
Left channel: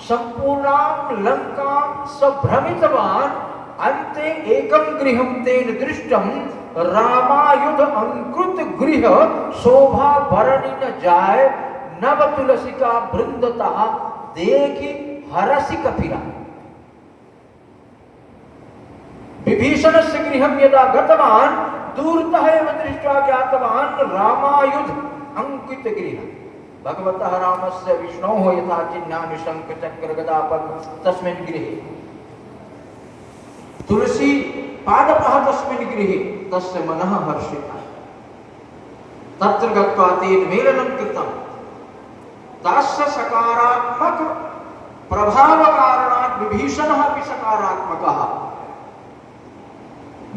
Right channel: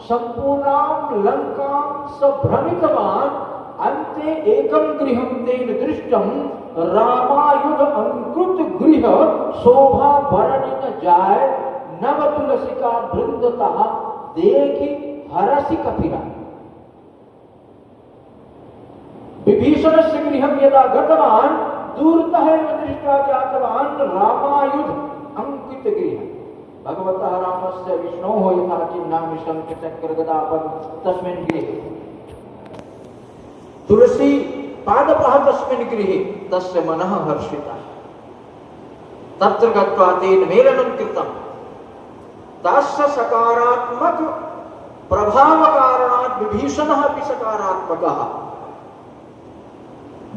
संपूर्णां लङ्कां स भ्रमितवान्, अन्ते एकं गृहं तेन दृष्टं, रामायुध अंकृत गृह, शोभा भरणी न जाय, नव तुलसिका बृंदतः, देखि हरसि कपिला। विभीषणस्य गृहं यदा गतवान्, दूरतः एव दृष्ट्वा ज्ञातवान् रामायुध अंकित गृह। भगवतः रामस्य विष्णोः यथा चिह्नानि शङ्ख चक्र गदा पद्म तस्मिन् गृहे, तुलसी पादपः तस्मिन् गृहे, तस्य मनः हर्षितः। तत्र गत्वा तेन मेलनं कृतं। तस्य सकारात्मक प्रभावकारणात् विभीषणः अपि सकारात्मकः।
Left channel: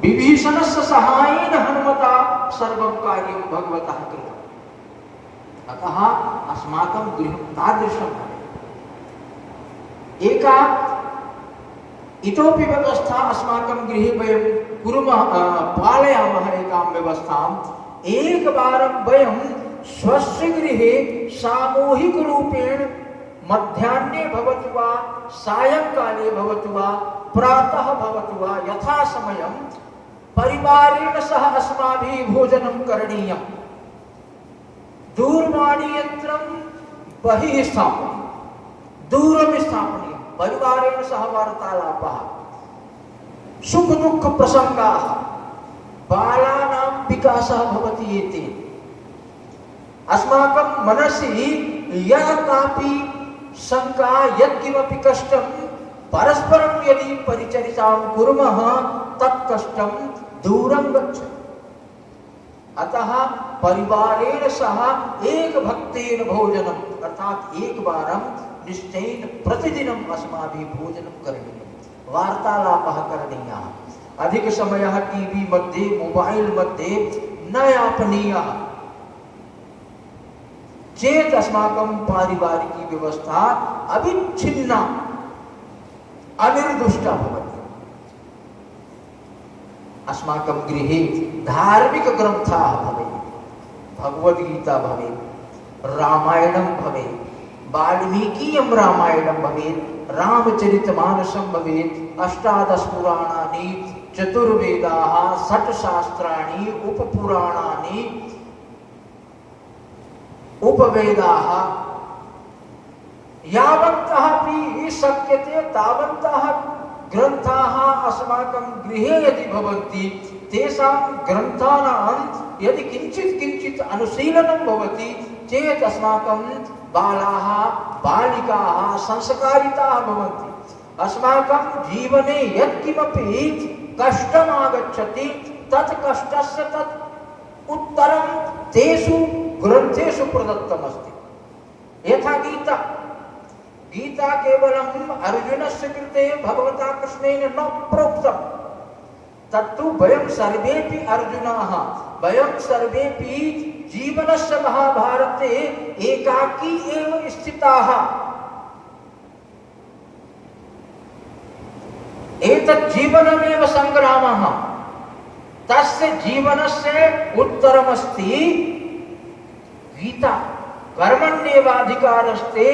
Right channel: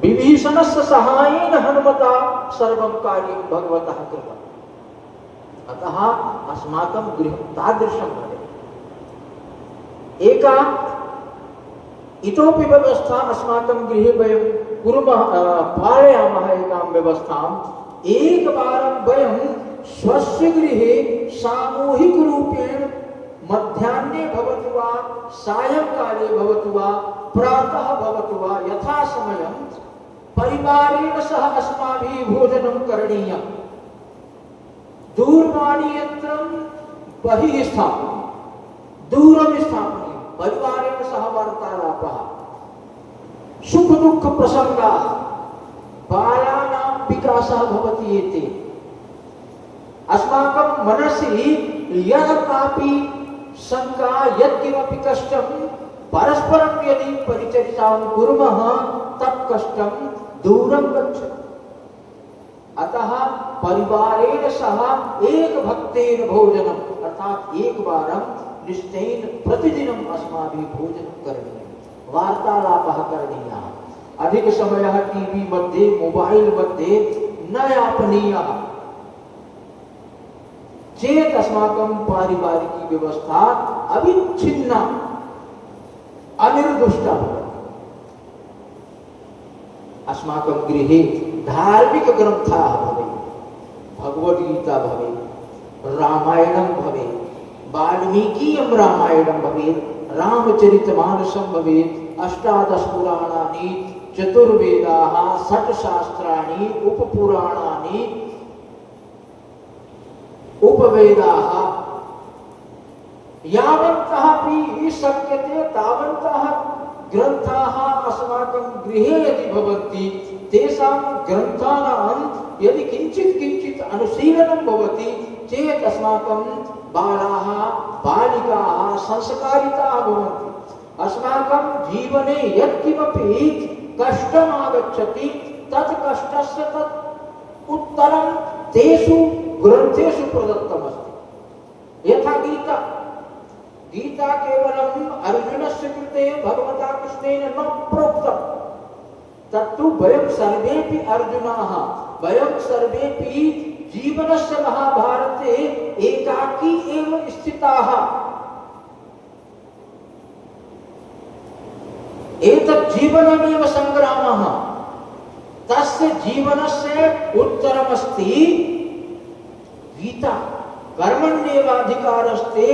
विभीषणस्य सहायेन हनुमता सर्वं कार्यं भगवतः कृतम्। अतः अस्माकं गृहं तादृशं भवेत्। एका इतोपि व्यवस्था अस्माकं गृहे वयं कुर्मः, पालयामः एकां व्यवस्थाम्। एकवारं वयं स्वस्य गृहे सामूहिकरूपेण मध्याह्ने भवतु वा, सायंकाले भवतु वा, प्रातः भवतु वा, यथा समयं परिवारेण सह अस्माभिः भोजनं करणीयम्। दूरवाणी यन्त्रं बहिः स्थापनीयं, दूरं स्थापनीयं। परिवारेण सह वार्तालापः, सुख दुःख प्रसङ्गाः, बालानां विकासः भवति। एते अस्माकं मनसि यः कापि शङ्का, यत्किमपि कष्टं, परस्परं यदि परिचर्चां कुर्मः तत् कष्टं दूरं गच्छति। अतः परिवारेण सह एक भक्तेन भोजनम्, अर्थात एक वारं निश्चयेन प्रतिदिनम् अस्माभिः भोजनं करणीयं, वार्तालापः करणीयः। अधिक समयः टीवी मध्ये, मोबाइल मध्ये न यापनीयः चेत् अस्माकं पारिवारिकी व्यवस्था अविच्छिन्ना, अनिर्दुष्टा भवति। अस्माकं गृहे धार्मिक ग्रन्थाः भवेत्, भगवद्गीता भवेत्, रामायणं भवेत्, वाल्मीकीयं रामायणं भवेत्, रामचरितमानसं भवेत्, अष्टादश पुराणानि, चतुर्वेदाः, षट्शास्त्राणि, उपपुराणानि, उपवेदाः, यावन्तः अपि शक्यते तावन्तः ग्रन्थाः अस्माकं गृहे यदि भवन्ति, तेषां ग्रन्थानां यदि किञ्चित् अनुशीलनं भवति चेत् अस्माकं बालाः, बालिकाः संस्कारिताः भवन्ति। अस्माकं जीवने यत्किमपि कष्टम् आगच्छति तत् कष्टस्य तत् उत्तरं तेषु ग्रन्थेषु प्रदत्तमस्ति। यथा गीता, गीता केवलम् अर्जुनस्य कृते भगवता कृष्णेन न प्रोक्तं, तत्तु वयं सर्वेपि अर्जुनाः, वयं सर्वेपि जीवनस्य महाभारते एकाकी एव स्थिताः। एतत् जीवनमेव संग्रामः। तस्य जीवनस्य उत्तरमस्ति गीता। कर्मण्येवाधिकारस्ते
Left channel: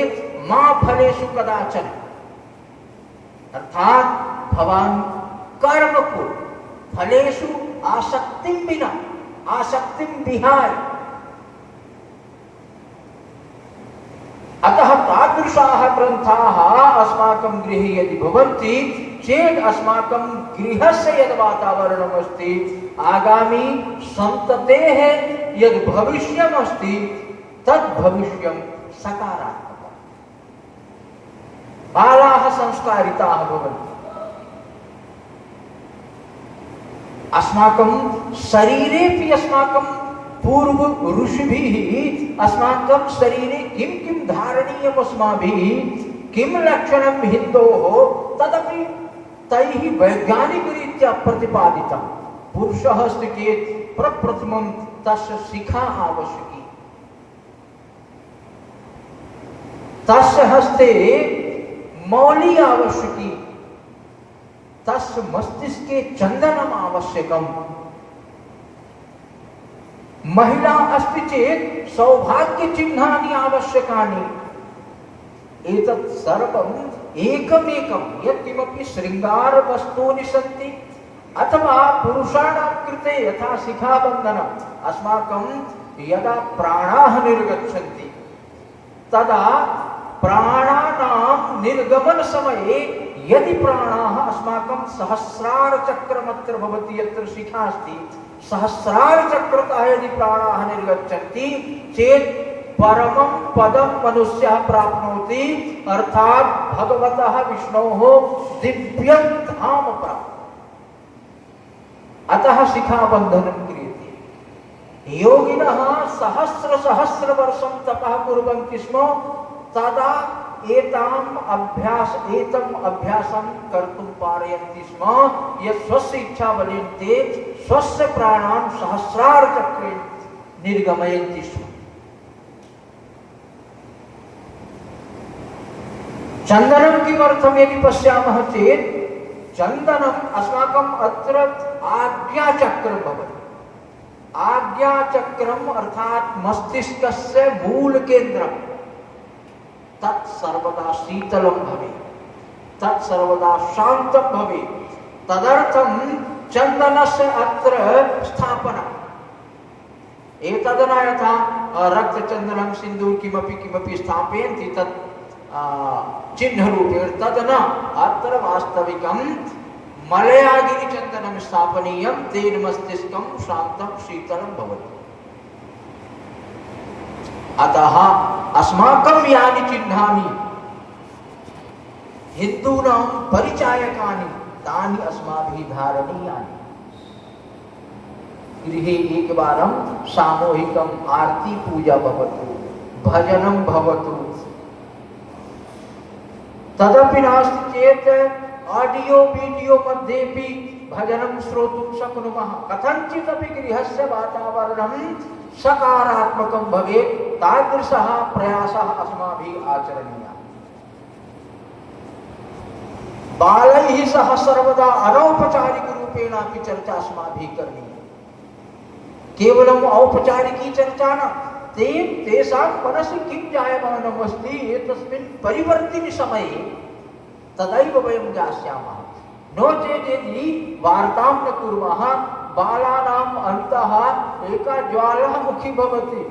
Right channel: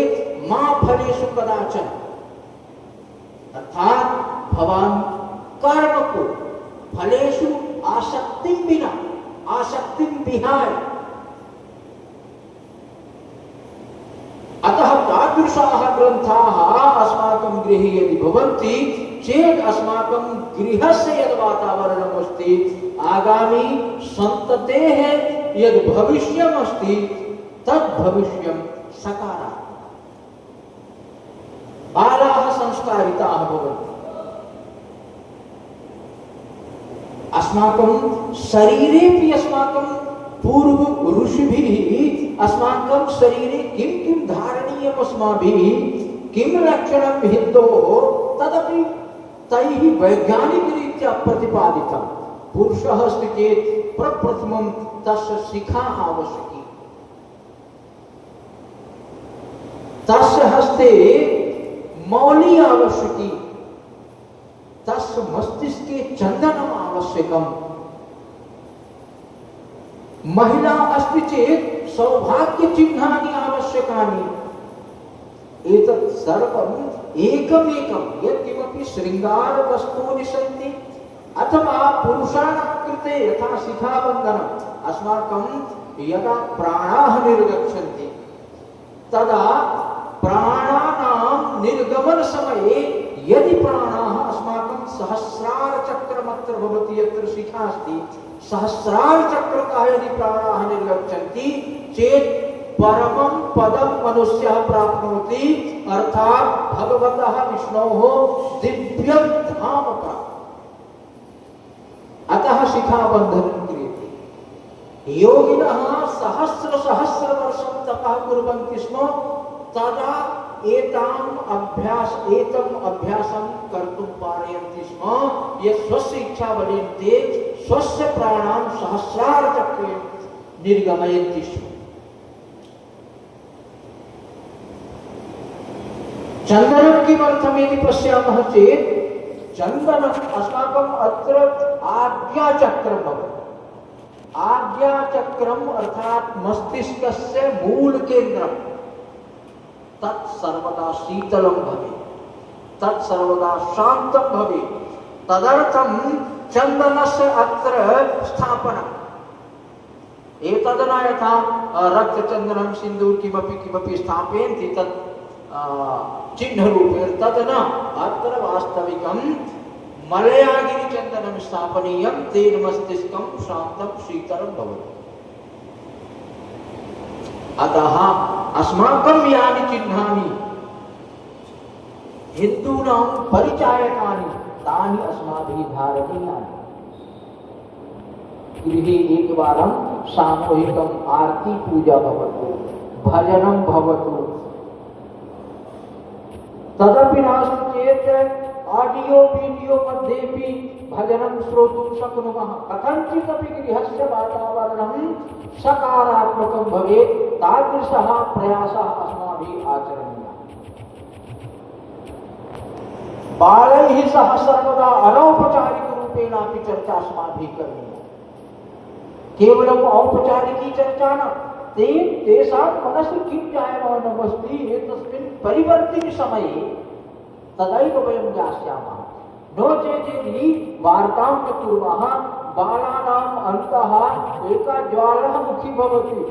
मा फलेषु कदाचन। अर्थात भवान कर्म को फलेषु आसक्तिं विना, आसक्तिं विहाय। अतः तादृशाः ग्रन्थाः अस्माकं गृहे यदि भवन्ति चेत् अस्माकं गृहस्य यद् वातावरणम् अस्ति, आगामी सन्ततेः यद् भविष्यम् अस्ति तद् भविष्यं सकारात्मकम्। बालाः संस्कारिताः भवन्ति, अस्माकं शरीरेपि अस्माकं पूर्व ऋषिभिः अस्माकं शरीरे किं किं धारणीयम् अस्माभिः किं लक्षणं हितोः तदपि तैः वैज्ञानिकरीत्या प्रतिपादितं। पुरुषः अस्ति चेत् प्रप्रथमं तस्य शिखा आवश्यकी, तस्य हस्ते मौली आवश्यकी, तस्य मस्तिष्के चन्दनम् आवश्यकम्। महिला अस्ति चेत् सौभाग्यचिह्नानि आवश्यकानि। एतत् सर्वम् एकमेकं यत्किमपि शृङ्गारवस्तूनि सन्ति अथवा पुरुषाणां कृते यथा शिखाबन्धनम् अस्माकं यदा प्राणाः निर्गच्छन्ति तदा प्राणानां निर्गमन समये यदि प्राणाः अस्माकं सहस्रार चक्रमत्र भवति, यत्र शिखा अस्ति सहस्रार चक्रतः यदि प्राणाः निर्गच्छन्ति चेत् परमं पदं मनुष्यः प्राप्नोति, अर्थात् भगवतः विष्णोः दिव्यं धाम प्राप्नोति। अतः शिखाबन्धनं क्रियते। योगिनः सहस्र सहस्र वर्षं तपः कुर्वन्ति स्म, तदा एतम् अभ्यासं कर्तुं पारयन्ति स्म, यत् स्वस्य इच्छाबलेन ते स्वस्य प्राणान् सहस्रार चक्रे निर्गमयन्ति स्म। चन्दनं किमर्थं यदि पश्यामः चेत् चन्दनम् अस्माकम् अत्र आज्ञाचक्रं भवति। आज्ञाचक्रम् अर्थात् मस्तिष्कस्य मूलकेन्द्रं तत् सर्वदा शीतलं भवेत्, तत् सर्वदा शान्तं भवेत्। तदर्थं चन्दनस्य अत्र स्थापनम्। एतद् न यथा रक्तचन्दनं सिन्दूर किमपि स्थापयन्ति तत् चिह्नरूपेण, तद् न। अत्र वास्तविकं मलयागिनिचन्दनं स्थापनीयं, तेन मस्तिष्कं शान्तं शीतलं भवति। अतः अस्माकं यानि चिह्नानि हिन्दूनां परिचायकानि तानि अस्माभिः धारणीयानि। गृहे एकवारं सामूहिकम् आरती पूजा भवतु, भजनं भवतु, तदपि नास्ति चेत् ऑडियो वीडियो मध्येपि भजनं श्रोतुं शक्नुमः। कथञ्चिदपि गृहस्य वातावरणं सकारात्मकं भवेत्, तादृशः प्रयासः अस्माभिः आचरणीयः। बालैः सह सर्वदा अनौपचारिकरूपेणापि चर्चा अस्माभिः करणीया। केवलम् औपचारिकी चर्चा न, तेषां मनसि किं जायमानम् अस्ति एतस्मिन् परिवर्तिनि समये तदैव वयं ज्ञास्यामः। नो चेत् यदि वार्तां न कुर्मः, बालानाम् अन्तः एका ज्वालामुखी भवति,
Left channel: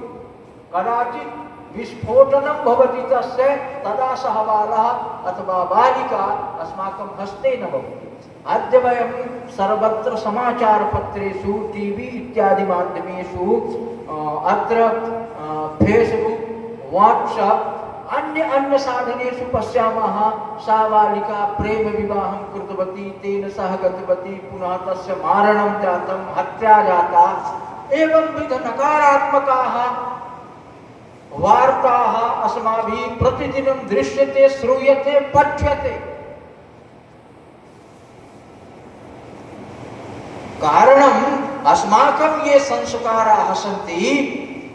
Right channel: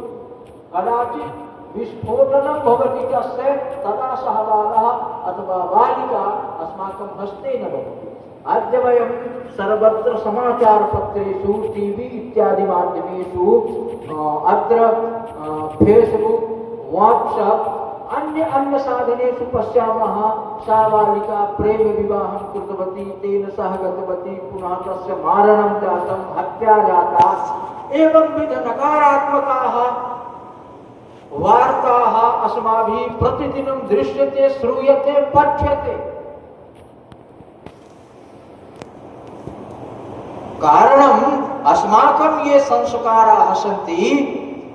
कदाचित् विस्फोटनं भवति तस्य, तदा सः बालः अथवा बालिका अस्माकं हस्ते न भवति। अद्य वयं सर्वत्र समाचारपत्रेषु, टीवी इत्यादि माध्यमेषु, अत्र फेसबुक, व्हाट्सएप, अन्य साधनेषु पश्यामः, सा बालिका प्रेम विवाहं कृतवती, तेन सह गतवती, पुनः तस्य मारणं जातं, हत्या जाता। एवंविध नकारात्मकाः वार्ताः अस्माभिः प्रतिदिनं दृश्यते, श्रूयते, पठ्यते। कारणम् अस्माकं ये संस्काराः सन्ति,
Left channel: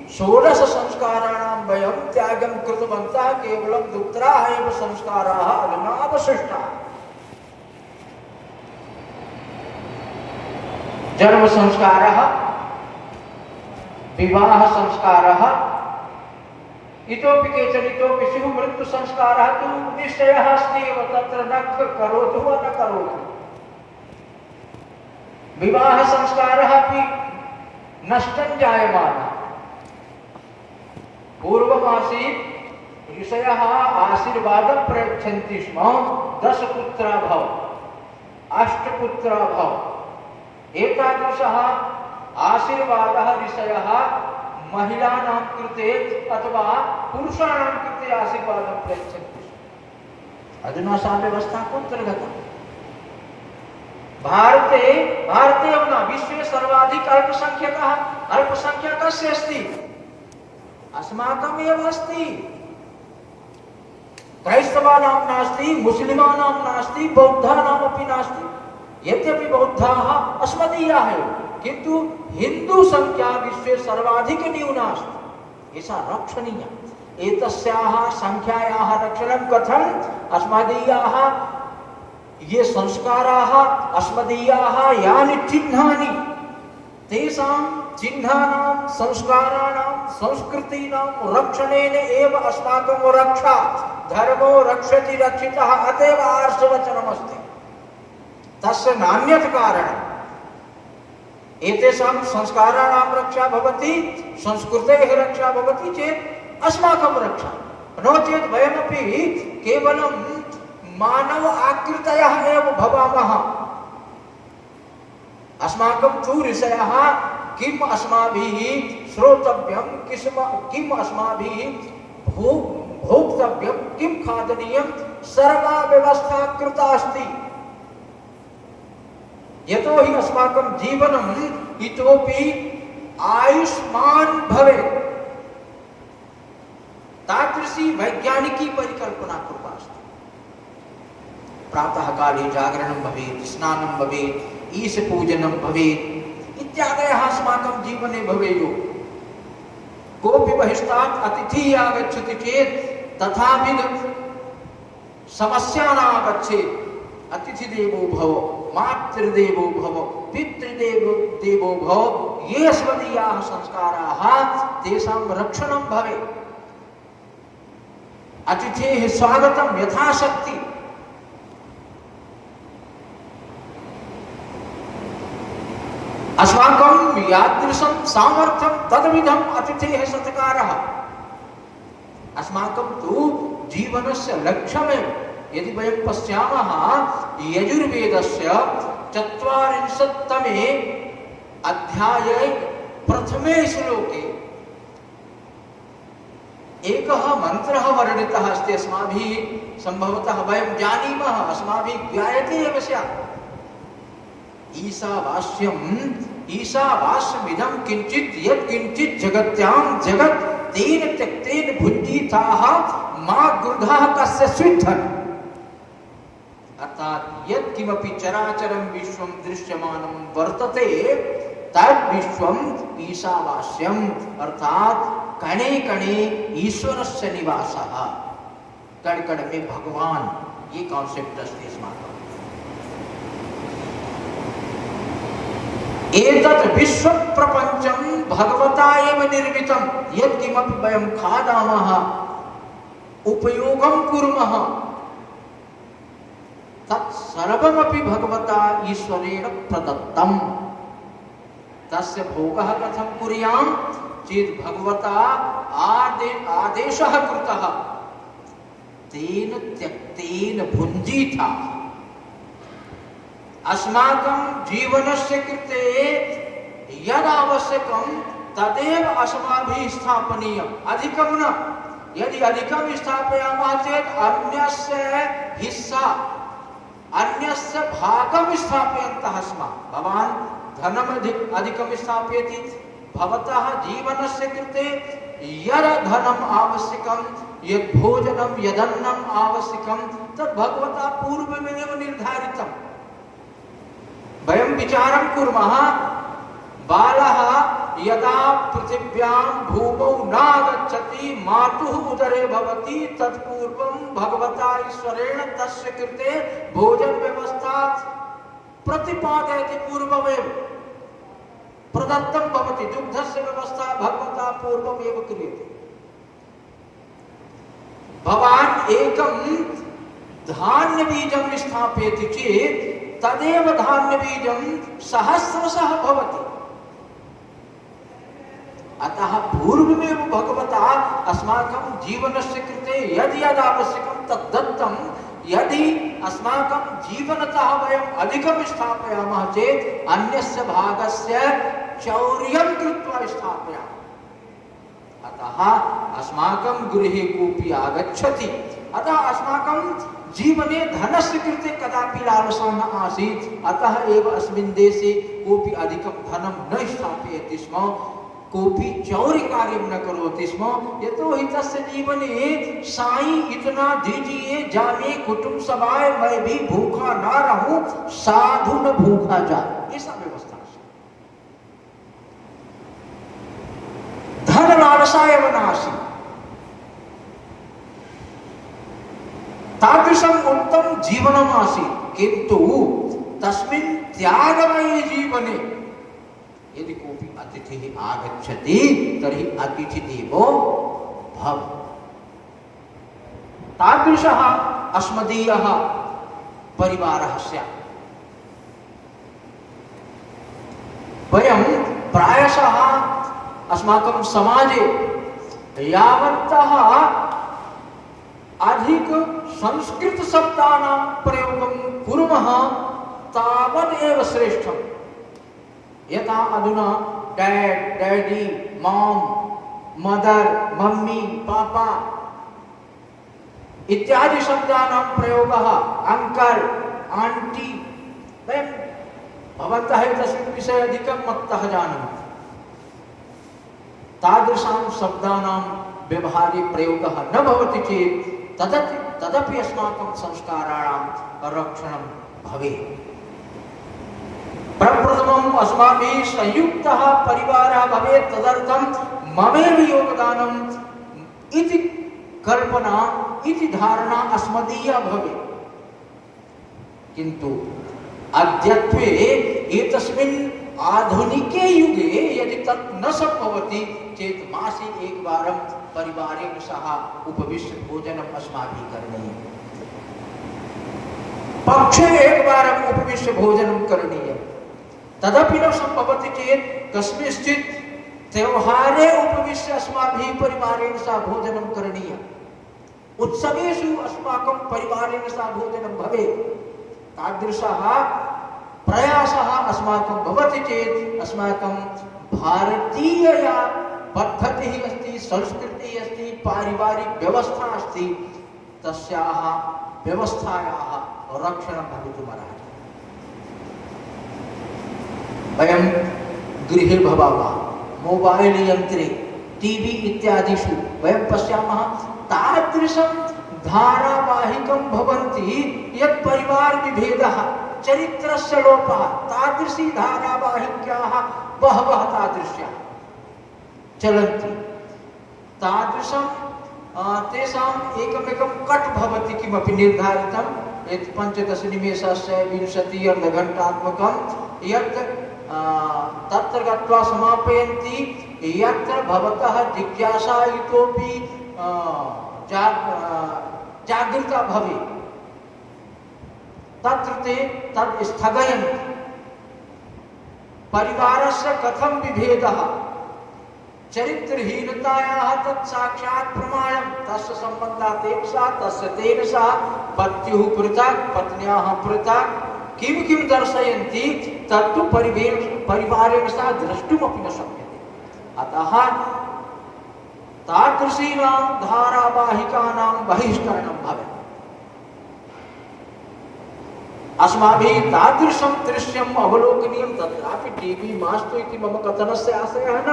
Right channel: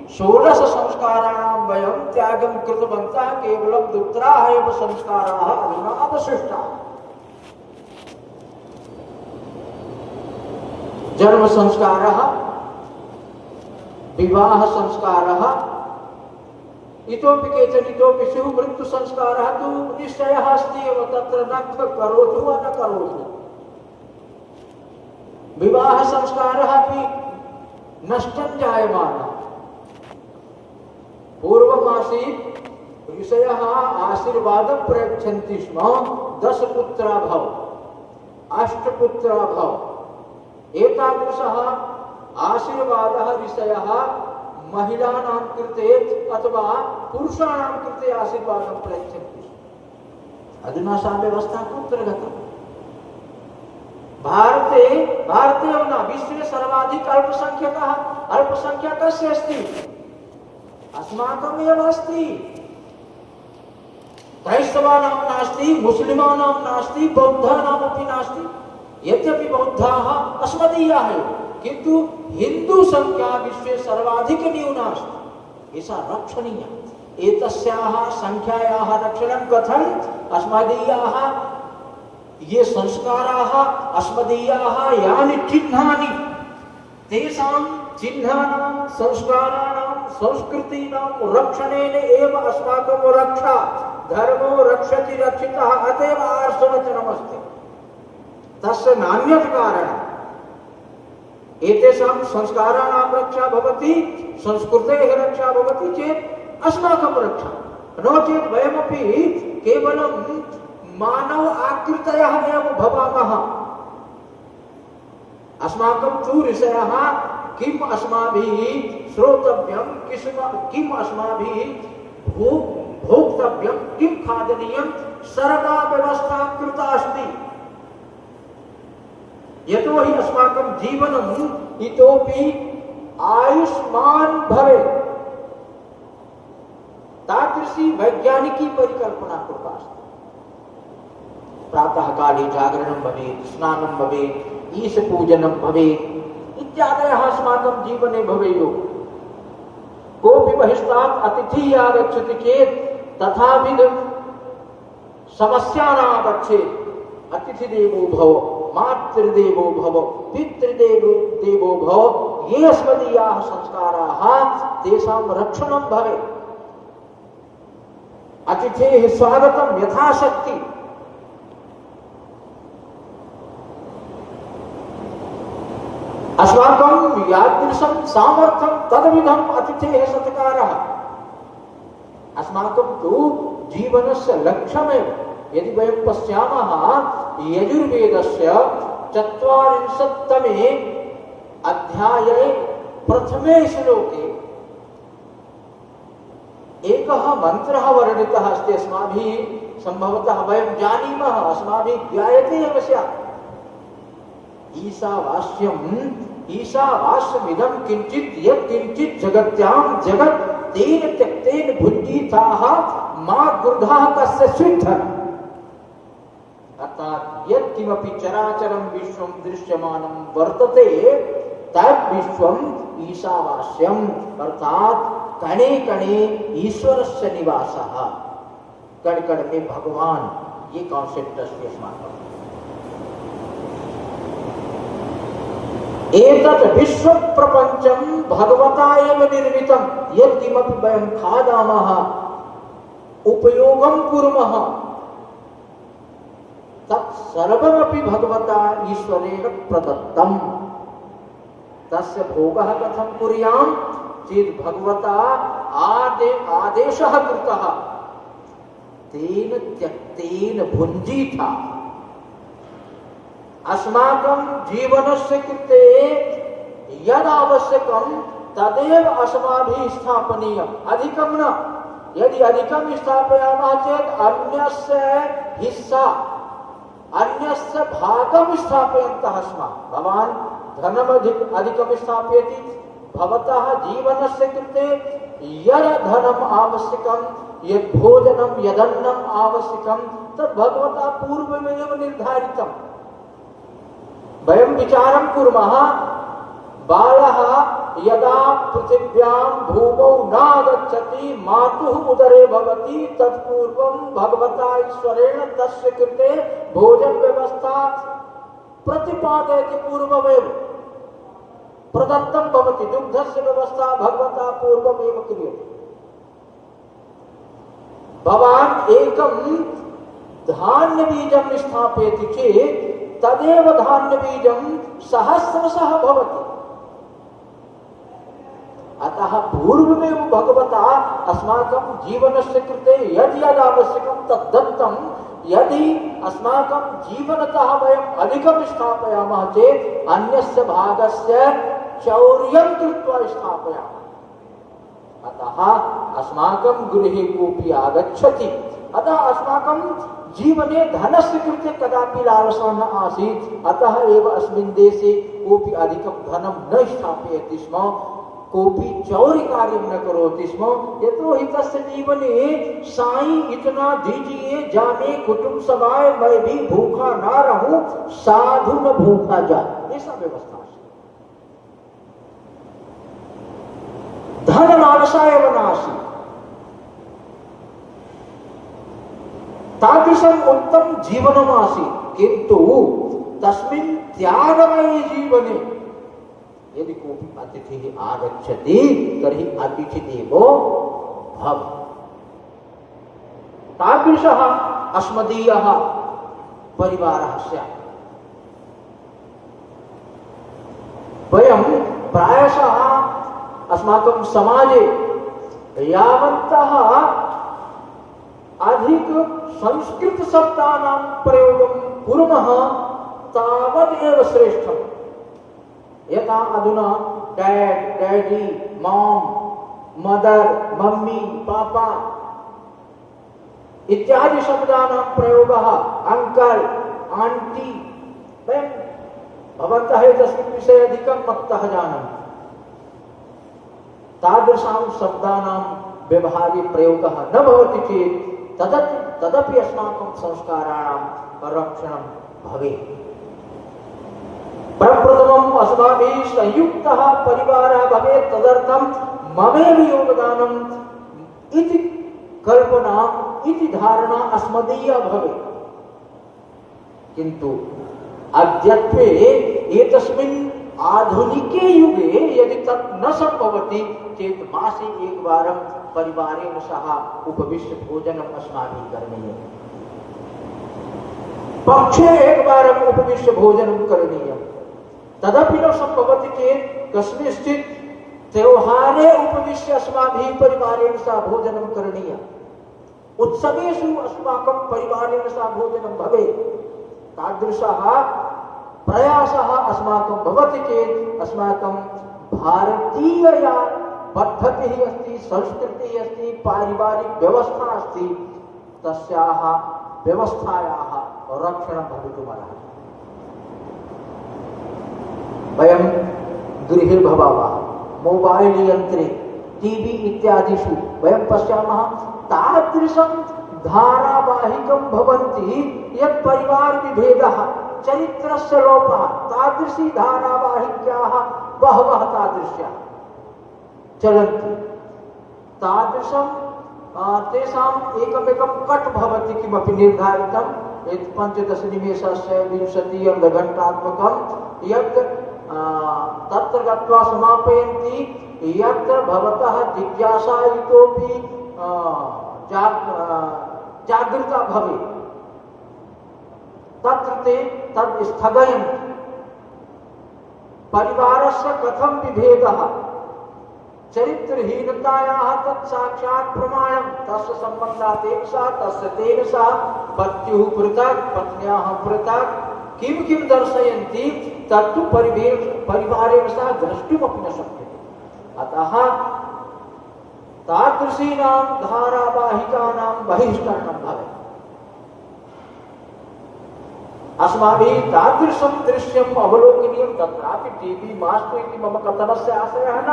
16 संस्काराणां वयं त्यागं कृतवन्तः, केवलं दुत्राः एव संस्काराः अधुना अवशिष्टाः। जन्म संस्कारः, विवाह संस्कारः, इतोपि केचन इतोपि स्युः। मृत्यु संस्कारः तु निश्चयः अस्ति एव, तत्र न करोतु वा न करोतु। विवाह संस्कारः अपि नष्टं जायमानः। पूर्वमासीत् ऋषयः आशीर्वादं प्रयच्छन्ति स्म, 10 पुत्रा भव, 8 पुत्रा भव। एतादृशः आशीर्वादः ऋषयः महिलानां कृते अथवा पुरुषाणां कृते आशीर्वादं प्रयच्छन्ति। अधुना सा व्यवस्था कुत्र गता? भारते भारते विश्वे सर्वाधिक अल्पसंख्यकस्य अस्ति अस्माकमेव अस्ति। क्रैस्तवानां नास्ति, मुस्लिमानां नास्ति, बौद्धानामपि नास्ति। यद्यपि बौद्धाः अस्मदीयाः एव, किन्तु हिंदू संख्या विश्वे सर्वाधिक न्यूना अस्ति। एषा रक्षणीया। एतस्याः संख्यायाः रक्षणं कथम्? अस्मदीयाः ये संस्काराः, अस्मदीयाः यानि चिह्नानि, तेषां चिह्नानां, संस्काराणां, संस्कृतीनां रक्षणेन एव अस्माकं रक्षा। धर्मो रक्षति रक्षितः, अतएव आर्षवचनमस्ति। तस्य नान्यत् कारणम्। एतेषां संस्काराणां रक्षा भवति, संस्कृतेः रक्षा भवति चेत् अस्माकं रक्षा। नो चेत् वयमपि केवलं मानव आकृतयः एव भवामः। अस्माकं तु ऋषयः किम् अस्माभिः श्रोतव्यं, किम् अस्माभिः भोक्तव्यं, किं खादनीयं, सर्वा व्यवस्था कृता अस्ति। यतो हि अस्माकं जीवनम् इतोपि आयुष्मान् भवेत्, तादृशी वैज्ञानिकी परिकल्पना कृता अस्ति। प्रातः काले जागरणं भवेत्, स्नानं भवेत्, ईशपूजनं भवेत् इत्यादयः अस्माकं जीवने भवेयुः। कोऽपि बहिष्टात् अतिथिः आगच्छति चेत् तथाविध समस्या न आगच्छेत्। अतिथिदेवो भव, मातृदेवो भव, पितृदेवो भव, ये अस्मदीयाः संस्काराः तेषां रक्षणं भवेत्। अतिथेः स्वागतं यथाशक्ति। अस्माकं यादृशं सामर्थ्यं तद्विधम् अतिथेः सत्कारः। अस्माकं तु जीवनस्य लक्ष्यमेव। यदि वयं पश्यामः यजुर्वेदस्य 40तमे अध्याये प्रथमे श्लोके एकः मन्त्रः वर्णितः अस्ति। अस्माभिः सम्भवतः वयं जानीमः, अस्माभिः ज्ञायते एव स्यात्। ईशावास्यमिदं किंचित् यत् किंचित् जगत्यां जगत् तेन त्यक्तेन भुञ्जीताः मा गृधः कस्य स्विद्धन्। अर्थात यत् किमपि चराचरं विश्वं दृश्यमानं वर्तते तद् विश्वम् ईशावास्यम्, अर्थात कणे कणे ईश्वरस्य निवासः। कण कण में भगवान, ये कॉन्सेप्ट अस्ति अस्माकम्। एतत् विश्व प्रपंचम भगवता एव निर्मितं। यत् किमपि वयं खादामः, उपयोगं कुर्मः, तत् सर्वमपि भगवता ईश्वरेण प्रदत्तम्। तस्य भोगः कथं कुर्यां चेत् भगवता आदेशः कृतः, तेन त्यक्तेन भुञ्जीता। अस्माकं जीवनस्य कृते यद् आवश्यकं तदेव अस्माभिः स्थापनीयम्, अधिकं न। यदि अधिकं स्थापयामः चेत् अन्यस्य हिस्सा, अन्यस्य भागं स्थापयन्तः स्मः। भवान् धनम् अधिकं स्थापयति, भवतः जीवनस्य कृते यद् धनम् आवश्यकं, यद् भोजनं, यदन्नम् आवश्यकं, तद् भगवता पूर्वमेव निर्धारितम्। वयं विचारं कुर्मः, बालः यदा पृथिव्यां भूमौ नागच्छति, मातुः उदरे भवति, तत्पूर्वं भगवता ईश्वरेण तस्य कृते भोजन व्यवस्था प्रतिपादयति। पूर्वमेव प्रदत्तं भवति, दुग्धस्य व्यवस्था भगवता पूर्वमेव क्रियते। भवान् एकं धान्यबीजं स्थापयति चेत् तदेव धान्यबीजं सहस्रशः भवति। अतः पूर्वमेव भगवता अस्माकं जीवनस्य कृते यद् यद् आवश्यकं तद् दत्तं। यदि अस्माकं जीवनतः वयम् अधिकं स्थापयामः चेत् अन्यस्य भागस्य चौर्यं कृत्वा स्थापयामः। अतः अस्माकं गृहे कोऽपि आगच्छति, अतः अस्माकं जीवने धनस्य कृते कदापि लालसा न आसीत्। अतः एव अस्मिन् देशे कोऽपि अधिकं धनं न स्थापयति स्म, कोऽपि चौर्यकार्यं न करोति स्म। यतोहि तस्य जीवने साईं इतना दीजिए जामे कुटुंब समाए, मैं भी भूखा ना रहूं, साधु न भूखा जाए, ऐसा व्यवस्था है। धन लालसा एव नास्ति, तादृशम् उत्तम जीवनम् आसीत्। किन्तु तस्मिन् त्यागमयी जीवने यदि कोऽपि अतिथिः आगच्छति तर्हि अतिथिदेवो भव, तादृशः अस्मदीयः परिवारः स्यात्। वयं प्रायशः अस्माकं समाजे यावन्तः अधिक संस्कृत शब्दानां प्रयोगं कुर्मः तावदेव श्रेष्ठम्। यथा अधुना dad, daddy, mom, mother, mummy, पापा इत्यादि शब्दानां प्रयोगः, अंकल, आंटी, वयं भवन्तः एतस्मिन् विषये अधिकं मत्तः जानन्ति। तादृशानां शब्दानां व्यवहारे प्रयोगः न भवति चेत् तदपि अस्माकं संस्काराणां रक्षणं भवेत्। प्रप्रथमम् अस्माभिः संयुक्तः परिवारः भवेत्, तदर्थं ममेव योगदानम् इति कल्पना, इति धारणा अस्मदीया भवेत्। किन्तु अद्यत्वे एतस्मिन् आधुनिके युगे यदि तत् न सम्भवति चेत् मासे एकवारं परिवारेण सह उपविश्य भोजनम् अस्माभिः करणीयम्, पक्षे एकवारम् उपविश्य भोजनं करणीयम्। तदपि न सम्भवति चेत् कस्मिंश्चित् त्योहारे उपविश्य अस्माभिः परिवारेण सह भोजनं करणीयम्। उत्सवेषु अस्माकं परिवारेण सह भोजनं भवेत्। तादृशः प्रयासः अस्माकं भवति चेत् अस्माकं भारतीया पद्धतिः अस्ति, संस्कृतिः अस्ति, पारिवारिक व्यवस्था अस्ति, तस्याः व्यवस्थायाः रक्षणं भवितुमर्हति। वयं गृहे भवामः, मोबाइल यन्त्रे, टीवी इत्यादिषु वयं पश्यामः, तादृशं धारावाहिकं भवन्ति यत् परिवार विभेदः, चरित्रस्य लोपः, तादृशी धारावाहिक्याः बहवः तादृश्याः चलन्ति। तादृशं तेषाम् एकमेकं कट् भवति, किमपि निर्धारितं यत् 15 निमेषस्य 20 अर्धघण्टात्मकं, यत् तत्र गत्वा समापयन्ति, यत्र भवतः जिज्ञासा इतोपि जागृता भवेत्, तत्र ते तद् स्थगयन्ति। परिवारस्य कथं विभेदः, चरित्रहीनतायाः तत् साक्षात् प्रमाणं, तस्य सम्बन्धात् एकसा, तस्य तेन सह, पत्युः पृथक्, पत्न्याः पृथक्, किं किं दर्शयन्ति तत्तु परिवारेण सह द्रष्टुमपि न शक्यते। अतः तादृशीनां धारावाहिकानां बहिष्करणं भवेत्। अस्माभिः तादृशं दृश्यम् अवलोकनीयं। तत्रापि टीवी मास्तु इति मम कथनस्य आशयः न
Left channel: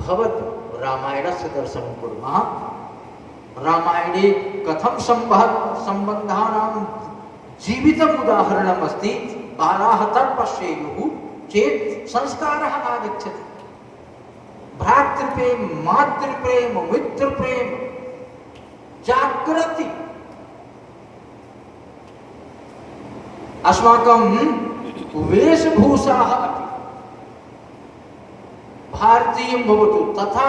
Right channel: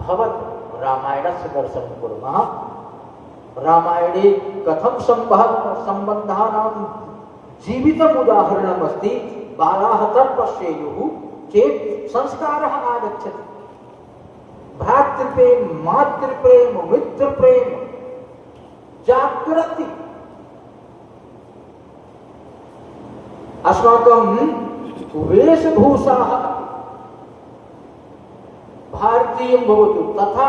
भवतु। रामायणस्य दर्शनं कुर्मः, रामायणे कथं सम्बन्धानां जीवितम् उदाहरणम् अस्ति, बालाः तत् पश्येयुः चेत् संस्कारः आगच्छति। भ्रातृप्रेम, मातृप्रेम, मित्रप्रेम जागृति। अस्माकं वेशभूषाः अपि भारतीयं भवतु, तथा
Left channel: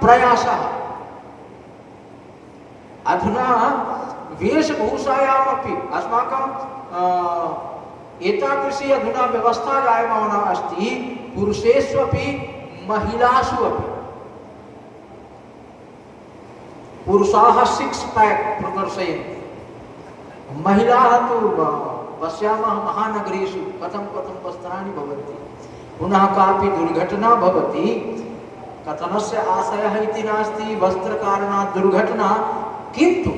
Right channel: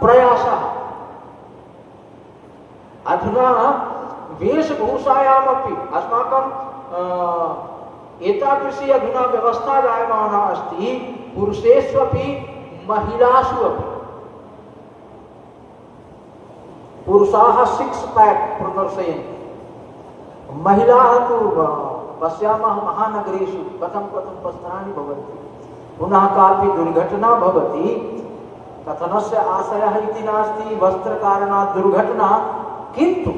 प्रयासः। अधुना वेशभूषायामपि अस्माकं एतादृशी अधुना व्यवस्था जायमाना अस्ति, पुरुषेष्वपि महिलासु अपि। पुरुषाः 6 पैक् प्रदर्शयन्ति, महिलाः तु पश्यामः महानगरेषु कथं वस्त्राणि भवन्ति। पुनः कापि दुर्घटना भवति, कथनस्य आशयः इति नास्ति, वस्त्रकारणात् दुर्घटना, किन्तु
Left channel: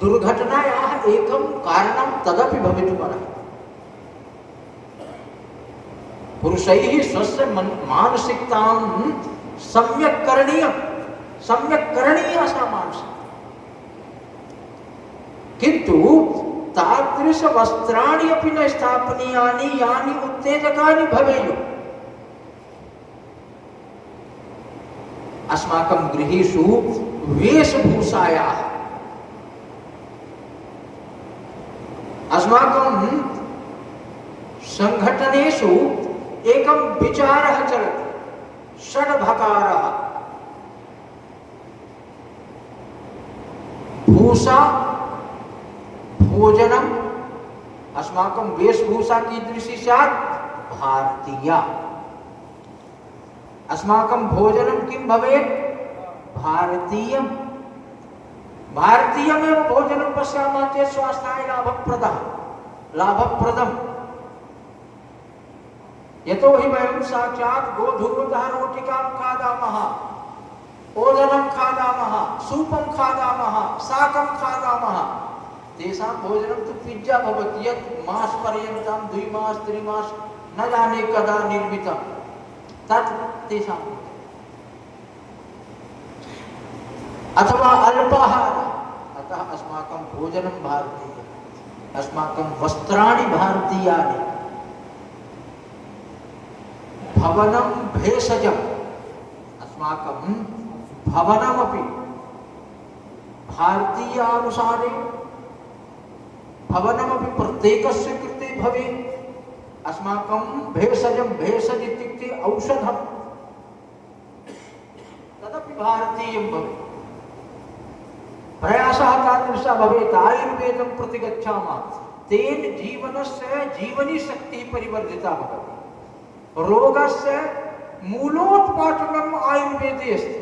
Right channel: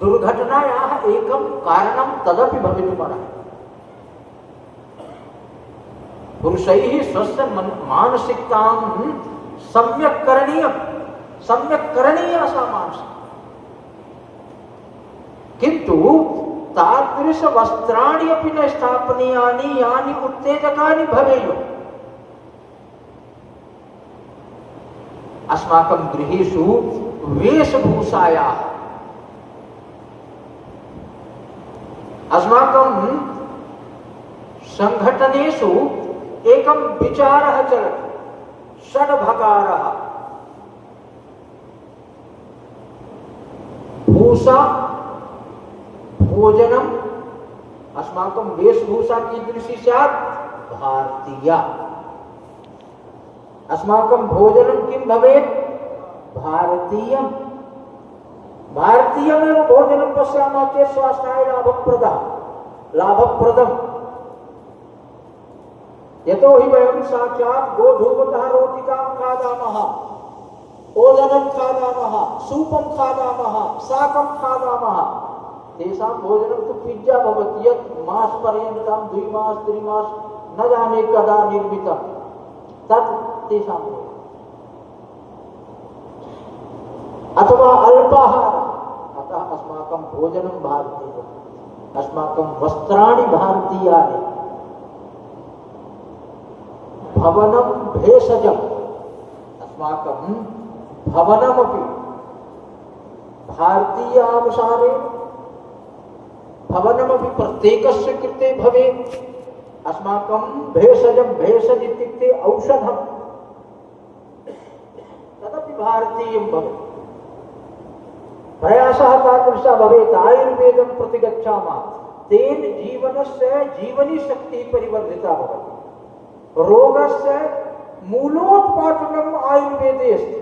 दुर्घटनायाः एकं कारणं तदपि भवितुमर्हति। पुरुषैः स्वस्य मानसिकतां सम्यक् करणीया सा मानसिकता। किन्तु तादृश वस्त्राणि अपि न स्थापनीयानि यानि उत्तेजकानि भवेयुः। अस्माकं गृहेषु वेशभूषायाः अस्माकं संघटनेषु एकं विचारः चलति, षड्भकारः। भूषा भोजनम, अस्माकं वेशभूषा कीदृशी स्यात्? भारतीया। अस्माकं भोजनं किं भवेत्? भारतीयं। भारतीयमेव भोजनं पश्यामः चेत् स्वास्थ्याय लाभप्रदम्। यतो हि वयं साक्षात् गोधूमतः रोटिकां खादामः, ओदनं खादामः, सूपं खादामः, शाकं खादामः। तेषां भोजनं तु पिज्जा भवति, यत् मासपर्यन्तं 2 मास 3 मास न जाने कदा निर्मितं, तत् तेषां भोजनम्। अथवा अल्पाहार। अतः अस्माकं भोजनं भारतीयम्, अस्माकं वस्त्राणि भारतीयानि। भवनं भेषजम्, अस्माकं भवनमपि भारतीयानुसारे भवनमपि प्रत्येकस्य कृते भवेत्। अस्माकं भेषजं, भेषज इत्युक्ते औषधं, तदपि भारतीयं भवेत्। प्रयासः तादृशः भवेत्। आयुर्वेदं प्रति गच्छामः, तेन जीवनस्य जीवनीशक्तिः परिवर्धिता भवति। रोगस्य मूलोत्पाटनम् आयुर्वेदे अस्ति।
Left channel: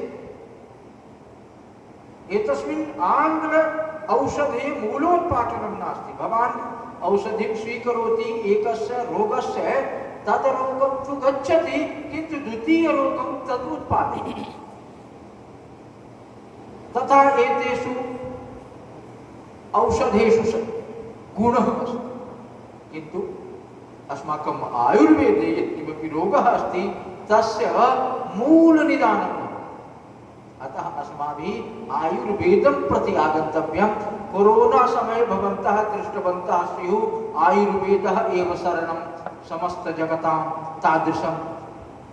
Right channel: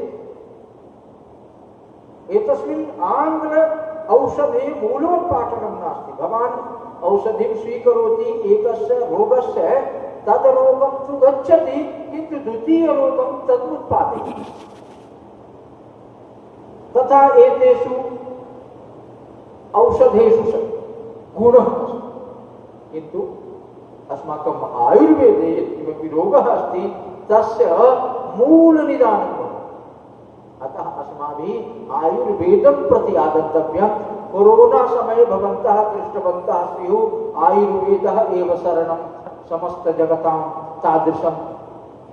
एतस्मिन् आङ्ग्ल औषधे मूलोत्पाटनं नास्ति। भवान् औषधिं स्वीकरोति एकस्य रोगस्य, तद् रोगं तु गच्छति, किन्तु द्वितीयरोगं तद् उत्पादयति। तथा एतेषु औषधेषु गुणः अस्ति। किन्तु अस्माकम् आयुर्वेदे यत् किमपि रोगः अस्ति तस्य मूलनिदानं भवति। अतः अस्माभिः आयुर्वेदं प्रति आगन्तव्यं। कोरोना समये भवन्तः दृष्टवन्तः स्युः, आयुर्वेदः एव शरणं समस्तजगतां तादृशं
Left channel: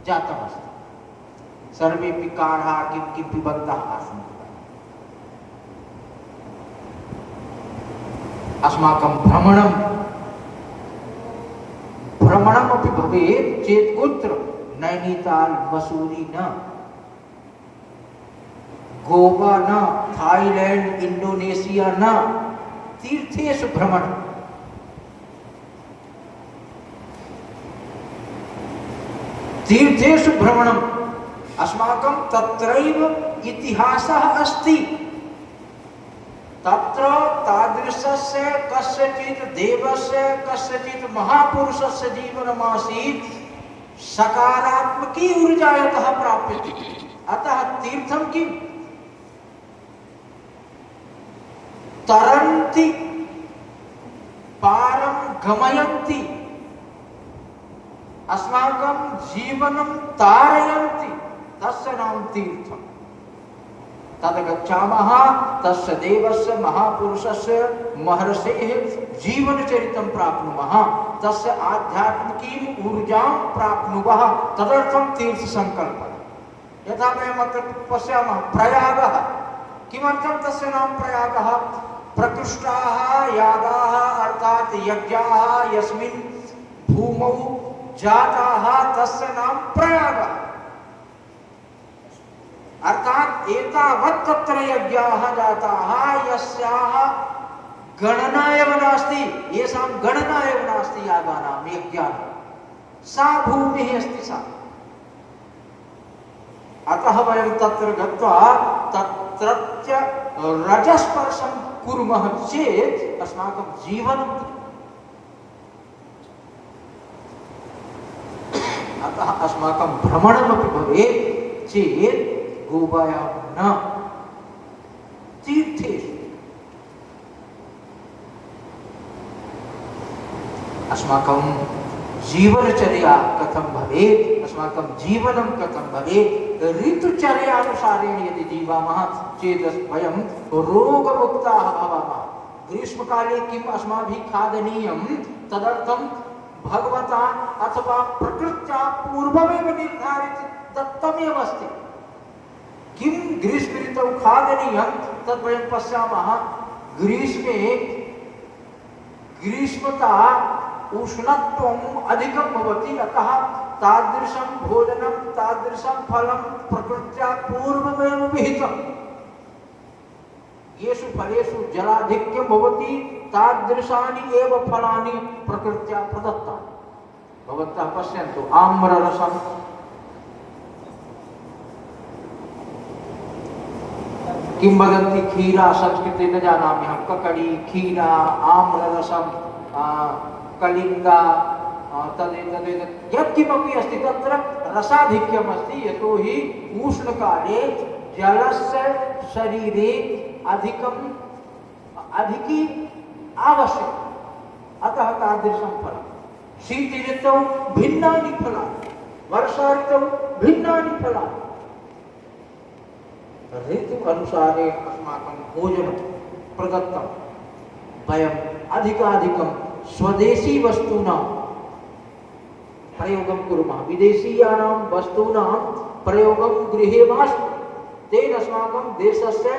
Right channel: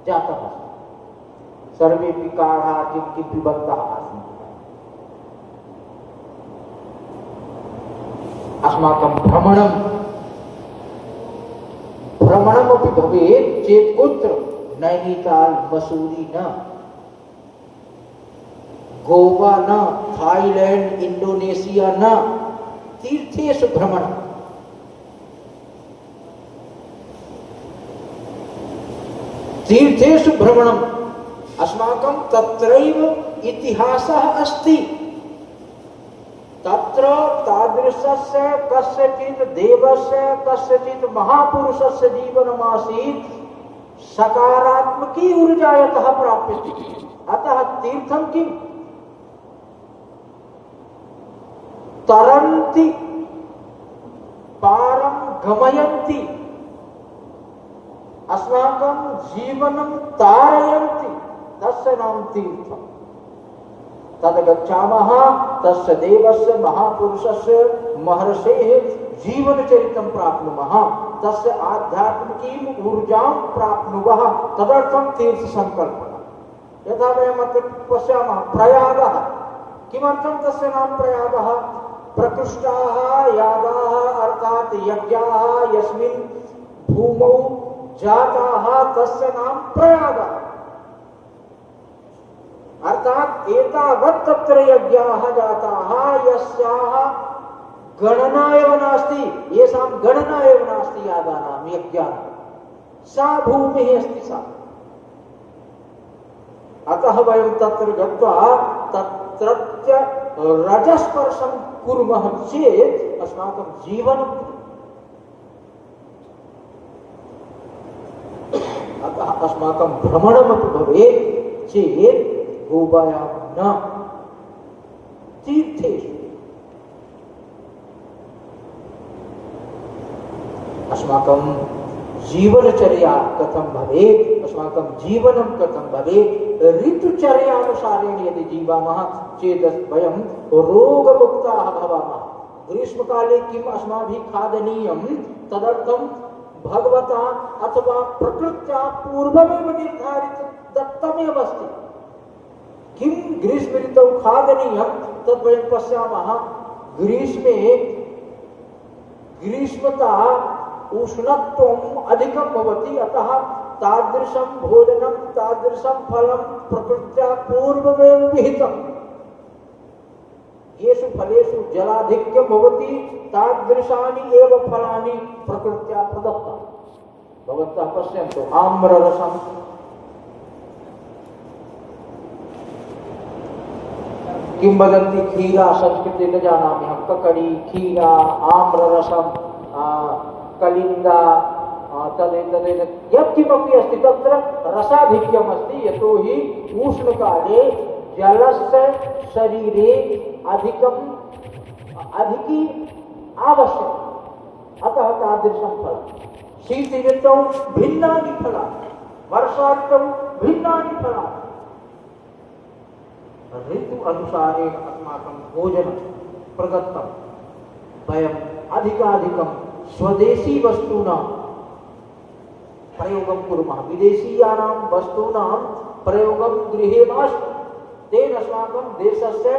जातमस्ति। सर्वेपि काढा किं पिबन्तः आसन्। अस्माकं भ्रमणमपि भवेत् चेत् कुत्र? नैनीताल, मसूरी न, गोवा न, थाईलैंड, इंडोनेशिया न, तीर्थेषु भ्रमणम्। तीर्थेषु भ्रमणम्। अस्माकं तत्रैव इतिहासः अस्ति। तत्र तादृशस्य कस्यचित् देवस्य, कस्यचित् महापुरुषस्य जीवनमासीत्, सकारात्मकी ऊर्जा यतः प्राप्यते। अतः तीर्थं किम्? तरन्ति, पारं गमयन्ति, अस्माकं जीवनं तारयन्ति, तस्य नाम तीर्थम्। तद् गच्छामः, तस्य देवस्य, महापुरुषस्य, महर्षेः जीवनचरितं प्राप्नुमः, तस्य आध्यात्मिकीं ऊर्जां प्राप्नुवः। तदर्थं तीर्थसङ्कल्पः। यथा वयम् अत्र पश्यामः प्रयागः। किमर्थं तस्य नाम प्रयागः? प्रकृष्टाः यागाः अर्थात् यज्ञाः यस्मिन् भूमौ जाताः, तस्य नाम प्रयागः। अर्थात एतावत् तत्र यज्ञाः जाताः यस्याः गणना एव नास्ति, येषां गणना एव नास्ति यागानां, यज्ञानां। सा भूमिः अस्ति सा। अतः वयं तत्र गत्वा तत्रत्य रजस्पर्शं कुर्मः चेत् अस्माकं जीवनं। अतः अस्माकं भ्रमणमपि भवेत् चेत् गोवायां न, तीर्थेषु अस्माकं जीवनचर्या कथं भवेत्, अस्माकं जीवनं कथं भवेत्, ऋतुचर्यानुसारेण यदि जीवामः चेत् वयं रोगमुक्ताः भवामः। ग्रीष्मकाले किम् अस्माभिः खादनीयं तदर्थं भगवता अथवा प्रकृत्या पूर्वमेव निर्धारित दत्तमेव अस्ति। किं ग्रीष्म ऋतौ खादनीयं तद् वयं पश्यामः। ग्रीष्मे ग्रीष्मता उष्णत्वम् अधिकं भवति, अतः तादृशं भोजनं तादृशं फलं प्रकृत्या पूर्वमेव विहितम्। येषु फलेषु जलाधिक्यं भवति तादृशानि एव फलानि प्रकृत्या प्रदत्तानि। भवन्तः पश्यन्तु आम्ररसं किं वदन्ति खीरा, संस्कृते न जानामि अहं, ककड़ी, खीरा, आम्ररसं, कलिंगा, तदेतत् यत्किमपि अस्ति तत्र रसाधिक्यम् अस्ति। यतोहि उष्णकाले जलस्य शरीरे अधिकी आवश्यकं, अतः तादृशं फलं। शीत ऋतौ भिन्नानि फलानि, वर्षा ऋतौ भिन्नानि फलानि। ऋतु अनुसारेण अस्माकं भोजनं प्रदत्तं। वयम् अधिकाधिकं स्वदेशी वस्तूनां प्रयोगं कुर्मः, विदेशीयानां वस्तूनां प्रयोगं गृहे मास्तु। तेन अस्माकं देशस्य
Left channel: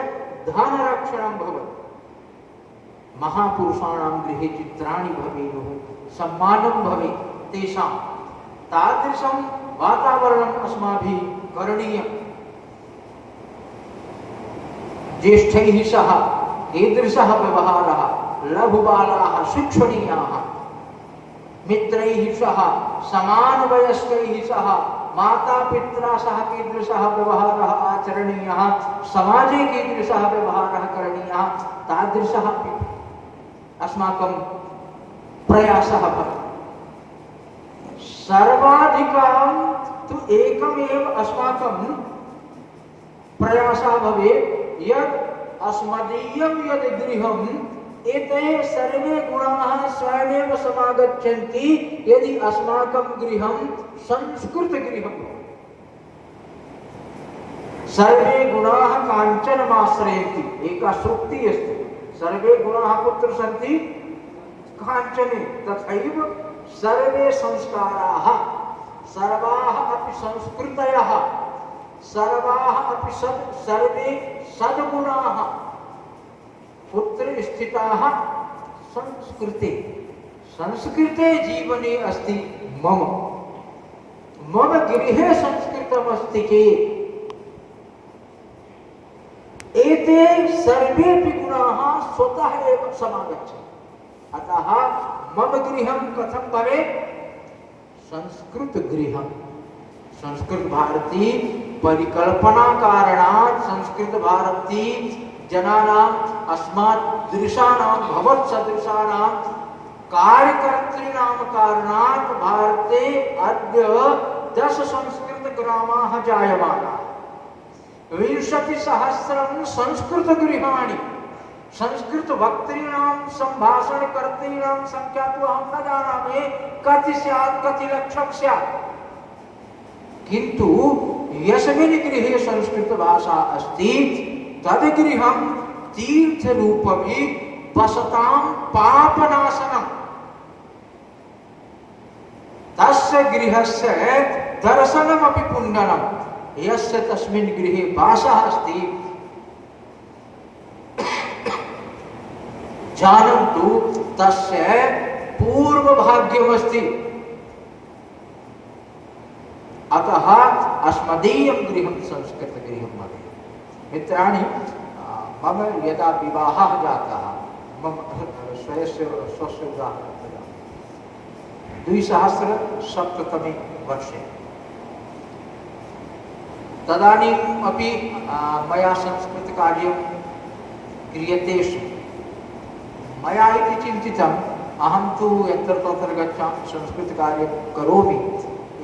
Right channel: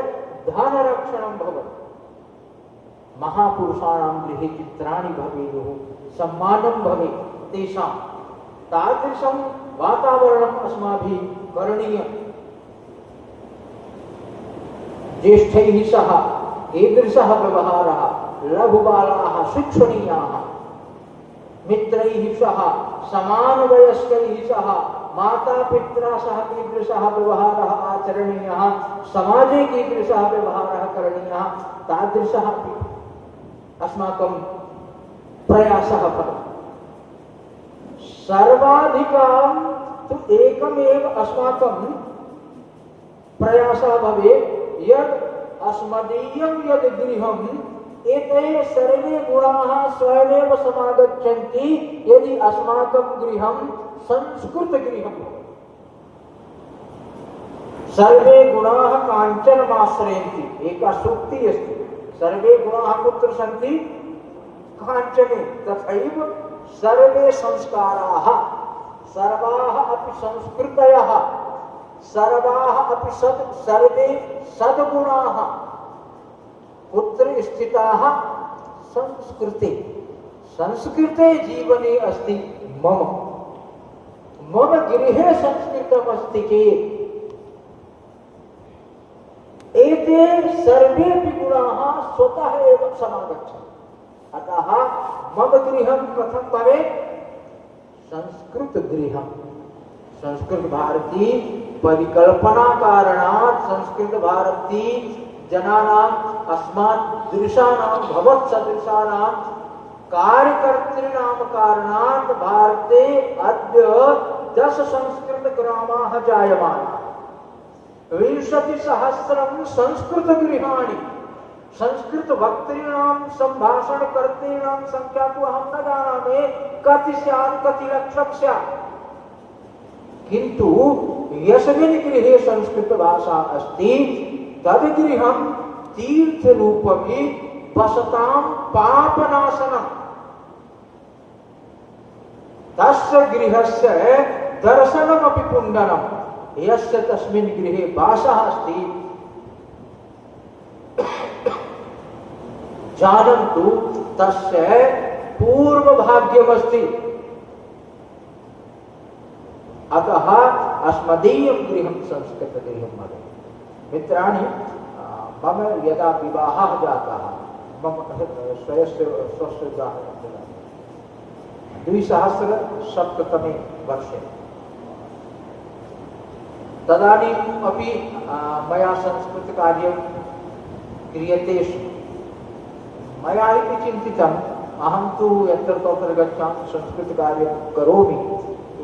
धनरक्षणं भवति। महापुरुषाणां गृहे चित्राणि भवेयुः, सम्मानं भवेत् तेषां। तादृशं वातावरणम् अस्माभिः करणीयम्। ज्येष्ठैः सह कीदृशः व्यवहारः, लघुबालाः शिक्षणीयाः, मित्रैः सह समानवयस्कैः सह मातापित्रा सह कीदृशः व्यवहारः आचरणीयः, समाजे कीदृशः व्यवहारः करणीयः, तादृशः अपि अस्माकं प्रयासः भवति। सर्वाधिकं तु एकमेव अस्माकं प्रयासः भवेत् यत् अस्मदीयं यद् गृहम् एते सर्वे गुणाः स्वयमेव समागच्छन्ति यदि अस्माकं गृहं संस्कृतगृहं। सर्वे गुणाः काञ्चनमाश्रयन्ति, एका सूक्तिः अस्ति। सर्वे गुणाः कुत्र सन्ति? काञ्चने। तथैव सर्वे संस्काराः, सर्वाः अपि संस्कृतयः, सर्वाः अपि सर्वे सद्गुणाः कुत्र स्थिताः? संस्कृते। संस्कृते जीवने अस्ति मम गृहे संस्कृतमस्ति चेत् एते सर्वेपि गुणाः स्वतः एव समागच्छन्ति। अतः मम गृहं कथं भवेत्? संस्कृतगृहं। संस्कृत भारती परिकल्पना कारणात् संस्कृत भारती जनानाम् अस्मदृशानां भवत्सदृशानां कार्यकर्तॄणां कारणात् भारते अद्य 10 संस्कृतग्रामाः जायमानाः। 20,000 संस्कृतगृहाणि। संस्कृतवक्तॄणां सम्भाषणकर्तॄणां संख्या तु अहं न जानामि कति स्यात्, कति लक्षं स्यात्। किन्तु यस्मिन् गृहे संस्कृतभाषा अस्ति तद् गृहं तीर्थरूपमि वसतां पापनाशनम्। तस्य गृहस्य दर्शनमपि पुण्यम्। यस्य तस्मिन् गृहे वासः अस्ति जानन्तु तस्य पूर्वभाग्यमस्ति। अतः अस्मदीयं गृहं संस्कृतगृहं भवेत्। मित्राणि, मम यदा विवाहः जातः, मम स्वस्य उदाहरणं वदामि। 2007तमे वर्षे तदानीम् अपि मया संस्कृतकार्यं क्रियते स्म। मया इति चिन्तितम्, अहं तु यत्र तत्र गच्छामि संस्कृतकार्यं करोमि,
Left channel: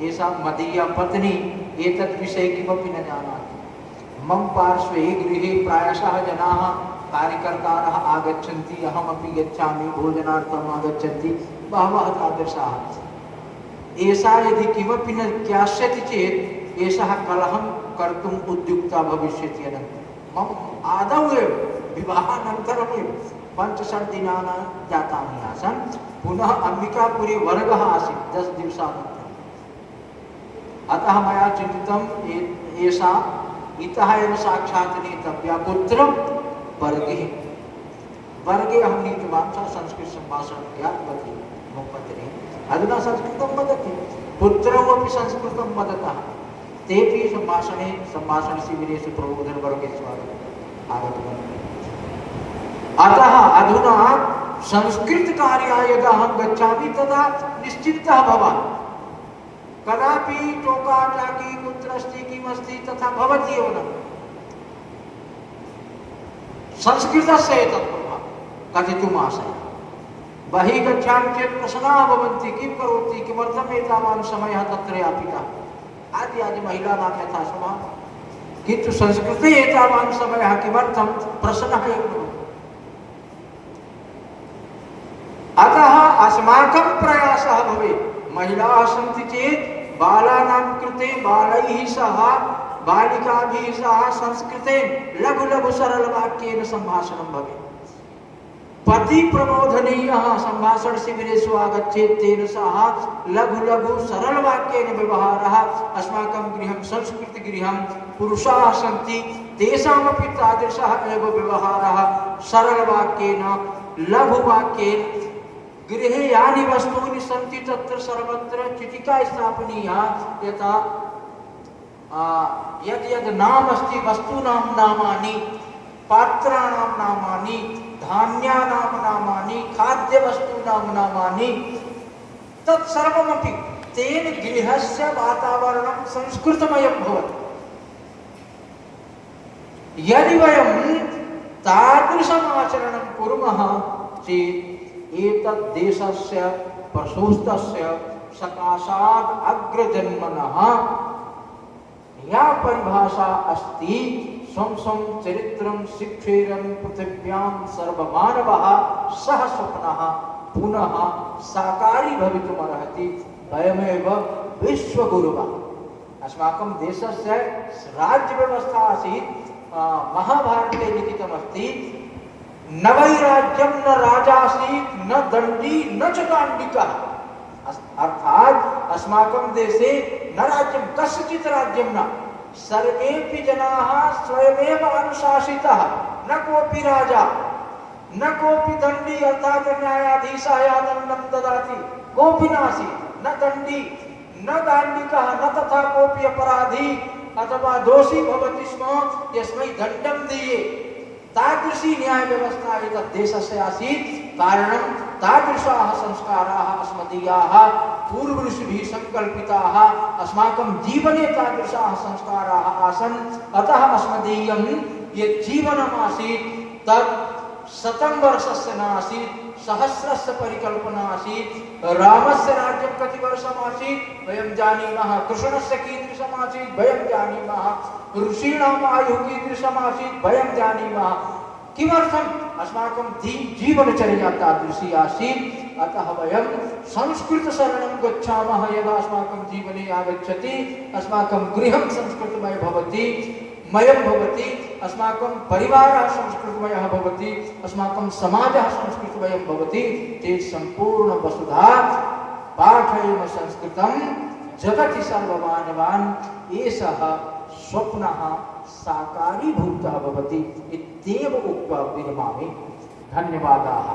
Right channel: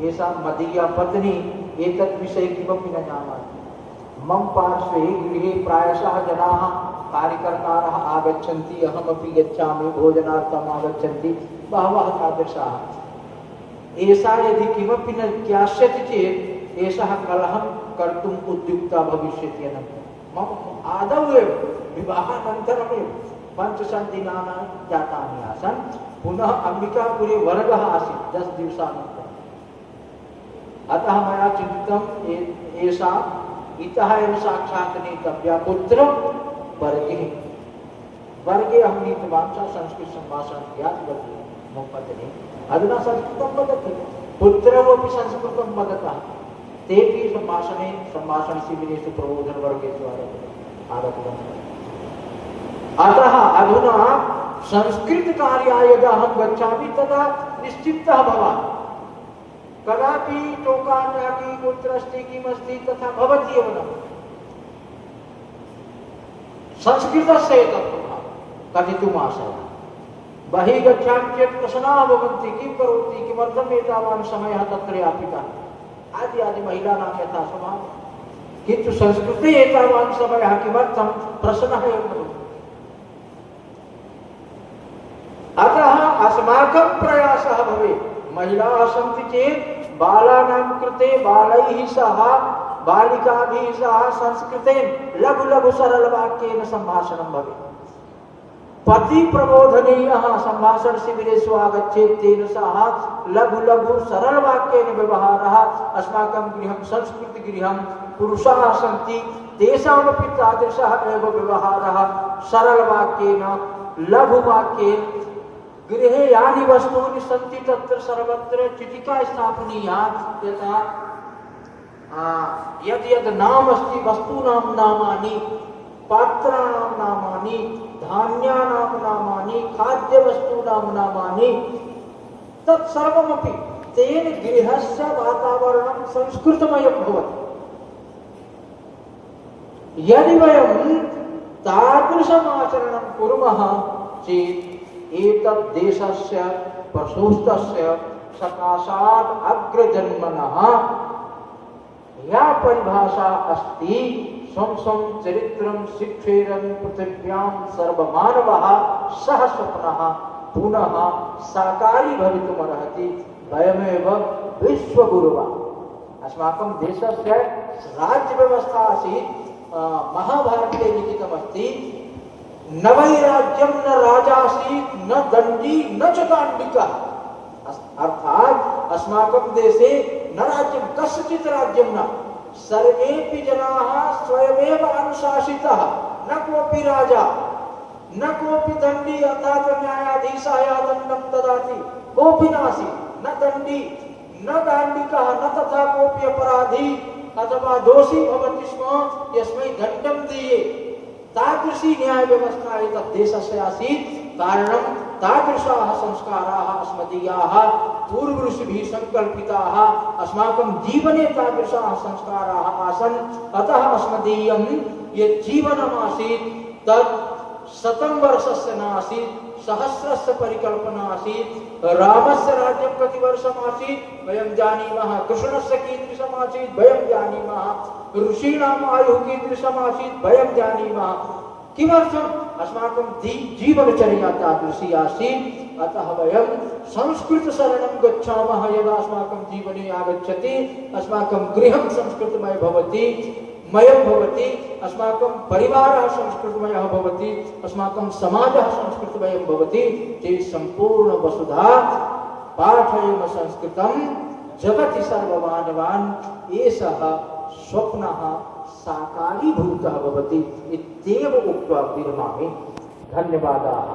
एषा मदीया पत्नी एतद् विषये किमपि न जानाति। मम पार्श्वे गृहे प्रायशः जनाः कार्यकर्तारः आगच्छन्ति, अहमपि गच्छामि, भोजनार्थम् आगच्छन्ति, बहवः तादृशाः। एषा यदि किमपि न ज्ञास्यति चेत् एषः कलहं कर्तुम् उद्युक्ता भविष्यति। मम आदौ एव विवाहानन्तरमेव 5-7 दिनानि जातानि आसन्। पुनः अम्बिकापुरे वर्गः आसीत् 10 दिवसानन्तरम्। अतः मया चिन्तितम् एषा इतः एव साक्षात् नेतव्या पुत्रं वर्गे। वर्गे अहं नीतवान्, सा संस्कृत सम्भाषणं ज्ञातवती मम पत्नी। अधुना संस्कृतं वदति, पुत्रौ अपि संस्कृतं वदतः। तेपि सम्भाषणशिबिरेषु प्रबोधनवर्गेषु आगतवन्तः। अतः अधुना संस्कृतकार्याय यदा अहं गच्छामि तदा निश्चिन्तः भवामि। कदापि टोकाटाकी कुत्र अस्ति किमस्ति तथा भवति एव न। संस्कृतस्य एतत् कथितुम् आशयः। बहिः गच्छामि चेत् प्रश्नाः भवन्ति, किं करोति, किमर्थम् एतावान् समयः तत्र यापितः आदि आदि महिलानां यथा स्वभावः। किन्तु संस्कृते एतावान् समयः किमर्थं प्रश्नः एव भवति। अतः अस्माकं प्रयासः भवेत्, महिलाः सन्ति चेत् बालानां कृते बालैः सह बालिकाभिः सह संस्कृतेन लघु लघु सरलवाक्येन सम्भाषणं भवेत्। पति प्रबोधनीयः सम्भाषणशिबिरेषु आगच्छेत्, तेन सह लघु लघु सरलवाक्येन व्यवहारः। अस्माकं गृहं संस्कृतगृहं, पुरुषाः सन्ति, तेषामपि तादृशः एव व्यवहारः सरलवाक्येन लघुवाक्येन। गृहे यानि वस्तूनि सन्ति तत्र सर्वत्र चिटिका स्थापनीया, यथा यद् यद् नाम अस्ति वस्तूनां नामानि, पात्राणां नामानि, धान्यानां नामानि, खाद्यवस्तूनां नामानि, तत्सर्वमपि तेन गृहस्य वातावरणं संस्कृतमयं भवति। यदि वयं तादृशम् आचरणं कुर्मः चेत् एतत् देशस्य प्रशोस्तस्य सकाशात् अग्रजन्मनः या परिभाषा अस्ति, स्वं स्वं चरित्रं शिक्षेरन् पृथिव्यां सर्वमानवः सः स्वप्नः पुनः साकारी भवितुमर्हति। वयमेव विश्वगुरुः। अस्माकं देशस्य राज्यव्यवस्था आसीत्, महाभारते लिखितमस्ति, न वैराज्यं न राजासीत् न दण्डी न च दाण्डिकः। अर्थात अस्माकं देशे न राज्यं, कस्यचित् राज्यं न, सर्वेपि जनाः स्वयमेव अनुशासितः। न कोऽपि राजा न कोऽपि दण्डी अर्थात् न्यायाधीशाय दण्डं ददाति, कोऽपि नासीत्। न दण्डी न दाण्डिकः न तथा कोऽपि अपराधी अथवा दोषी भवति स्म यस्मै दण्डं दीये। तादृशी न्याय व्यवस्था एतत् देशस्य आसीत्। कारणं तादृशाः संस्काराः अस्मदीयाः पूर्वऋषिभिः सङ्कल्पिताः। अस्माकं जीवने तादृशाः संस्काराः आसन्। अतः अस्मदीयं यत् जीवनम् आसीत् तत् 100 वर्षस्य नासीत्, सहस्रस्य परिकल्पना आसीत्। रामस्य राज्यं कति वर्षम् आसीत् वयं जानीमः, कृष्णस्य कीदृशम् आसीत् वयं जानीमः, ऋषीणाम् आयुः कीदृशम् आसीत् वयं जानीमः। किमर्थम्? अस्माकं जीवनचर्या तादृशी आसीत्। अतः वयं संस्कृतशरणं गच्छामः। यदा अस्माकं जीवने आगच्छति, अस्माकं गृहं संस्कृतमय भवति, मयं भवति, अस्माकं परिवारः संस्कृतमयः भवति, अस्माकं समाजः संस्कृतमयं भवति, चेत् सम्पूर्ण वसुधा पाठयेम संस्कृतं जगति सर्वमानवान् एषः स्वप्नः साकारीभूतः भवति इत्येव उक्त्वा विरमामि। धन्यवादाः।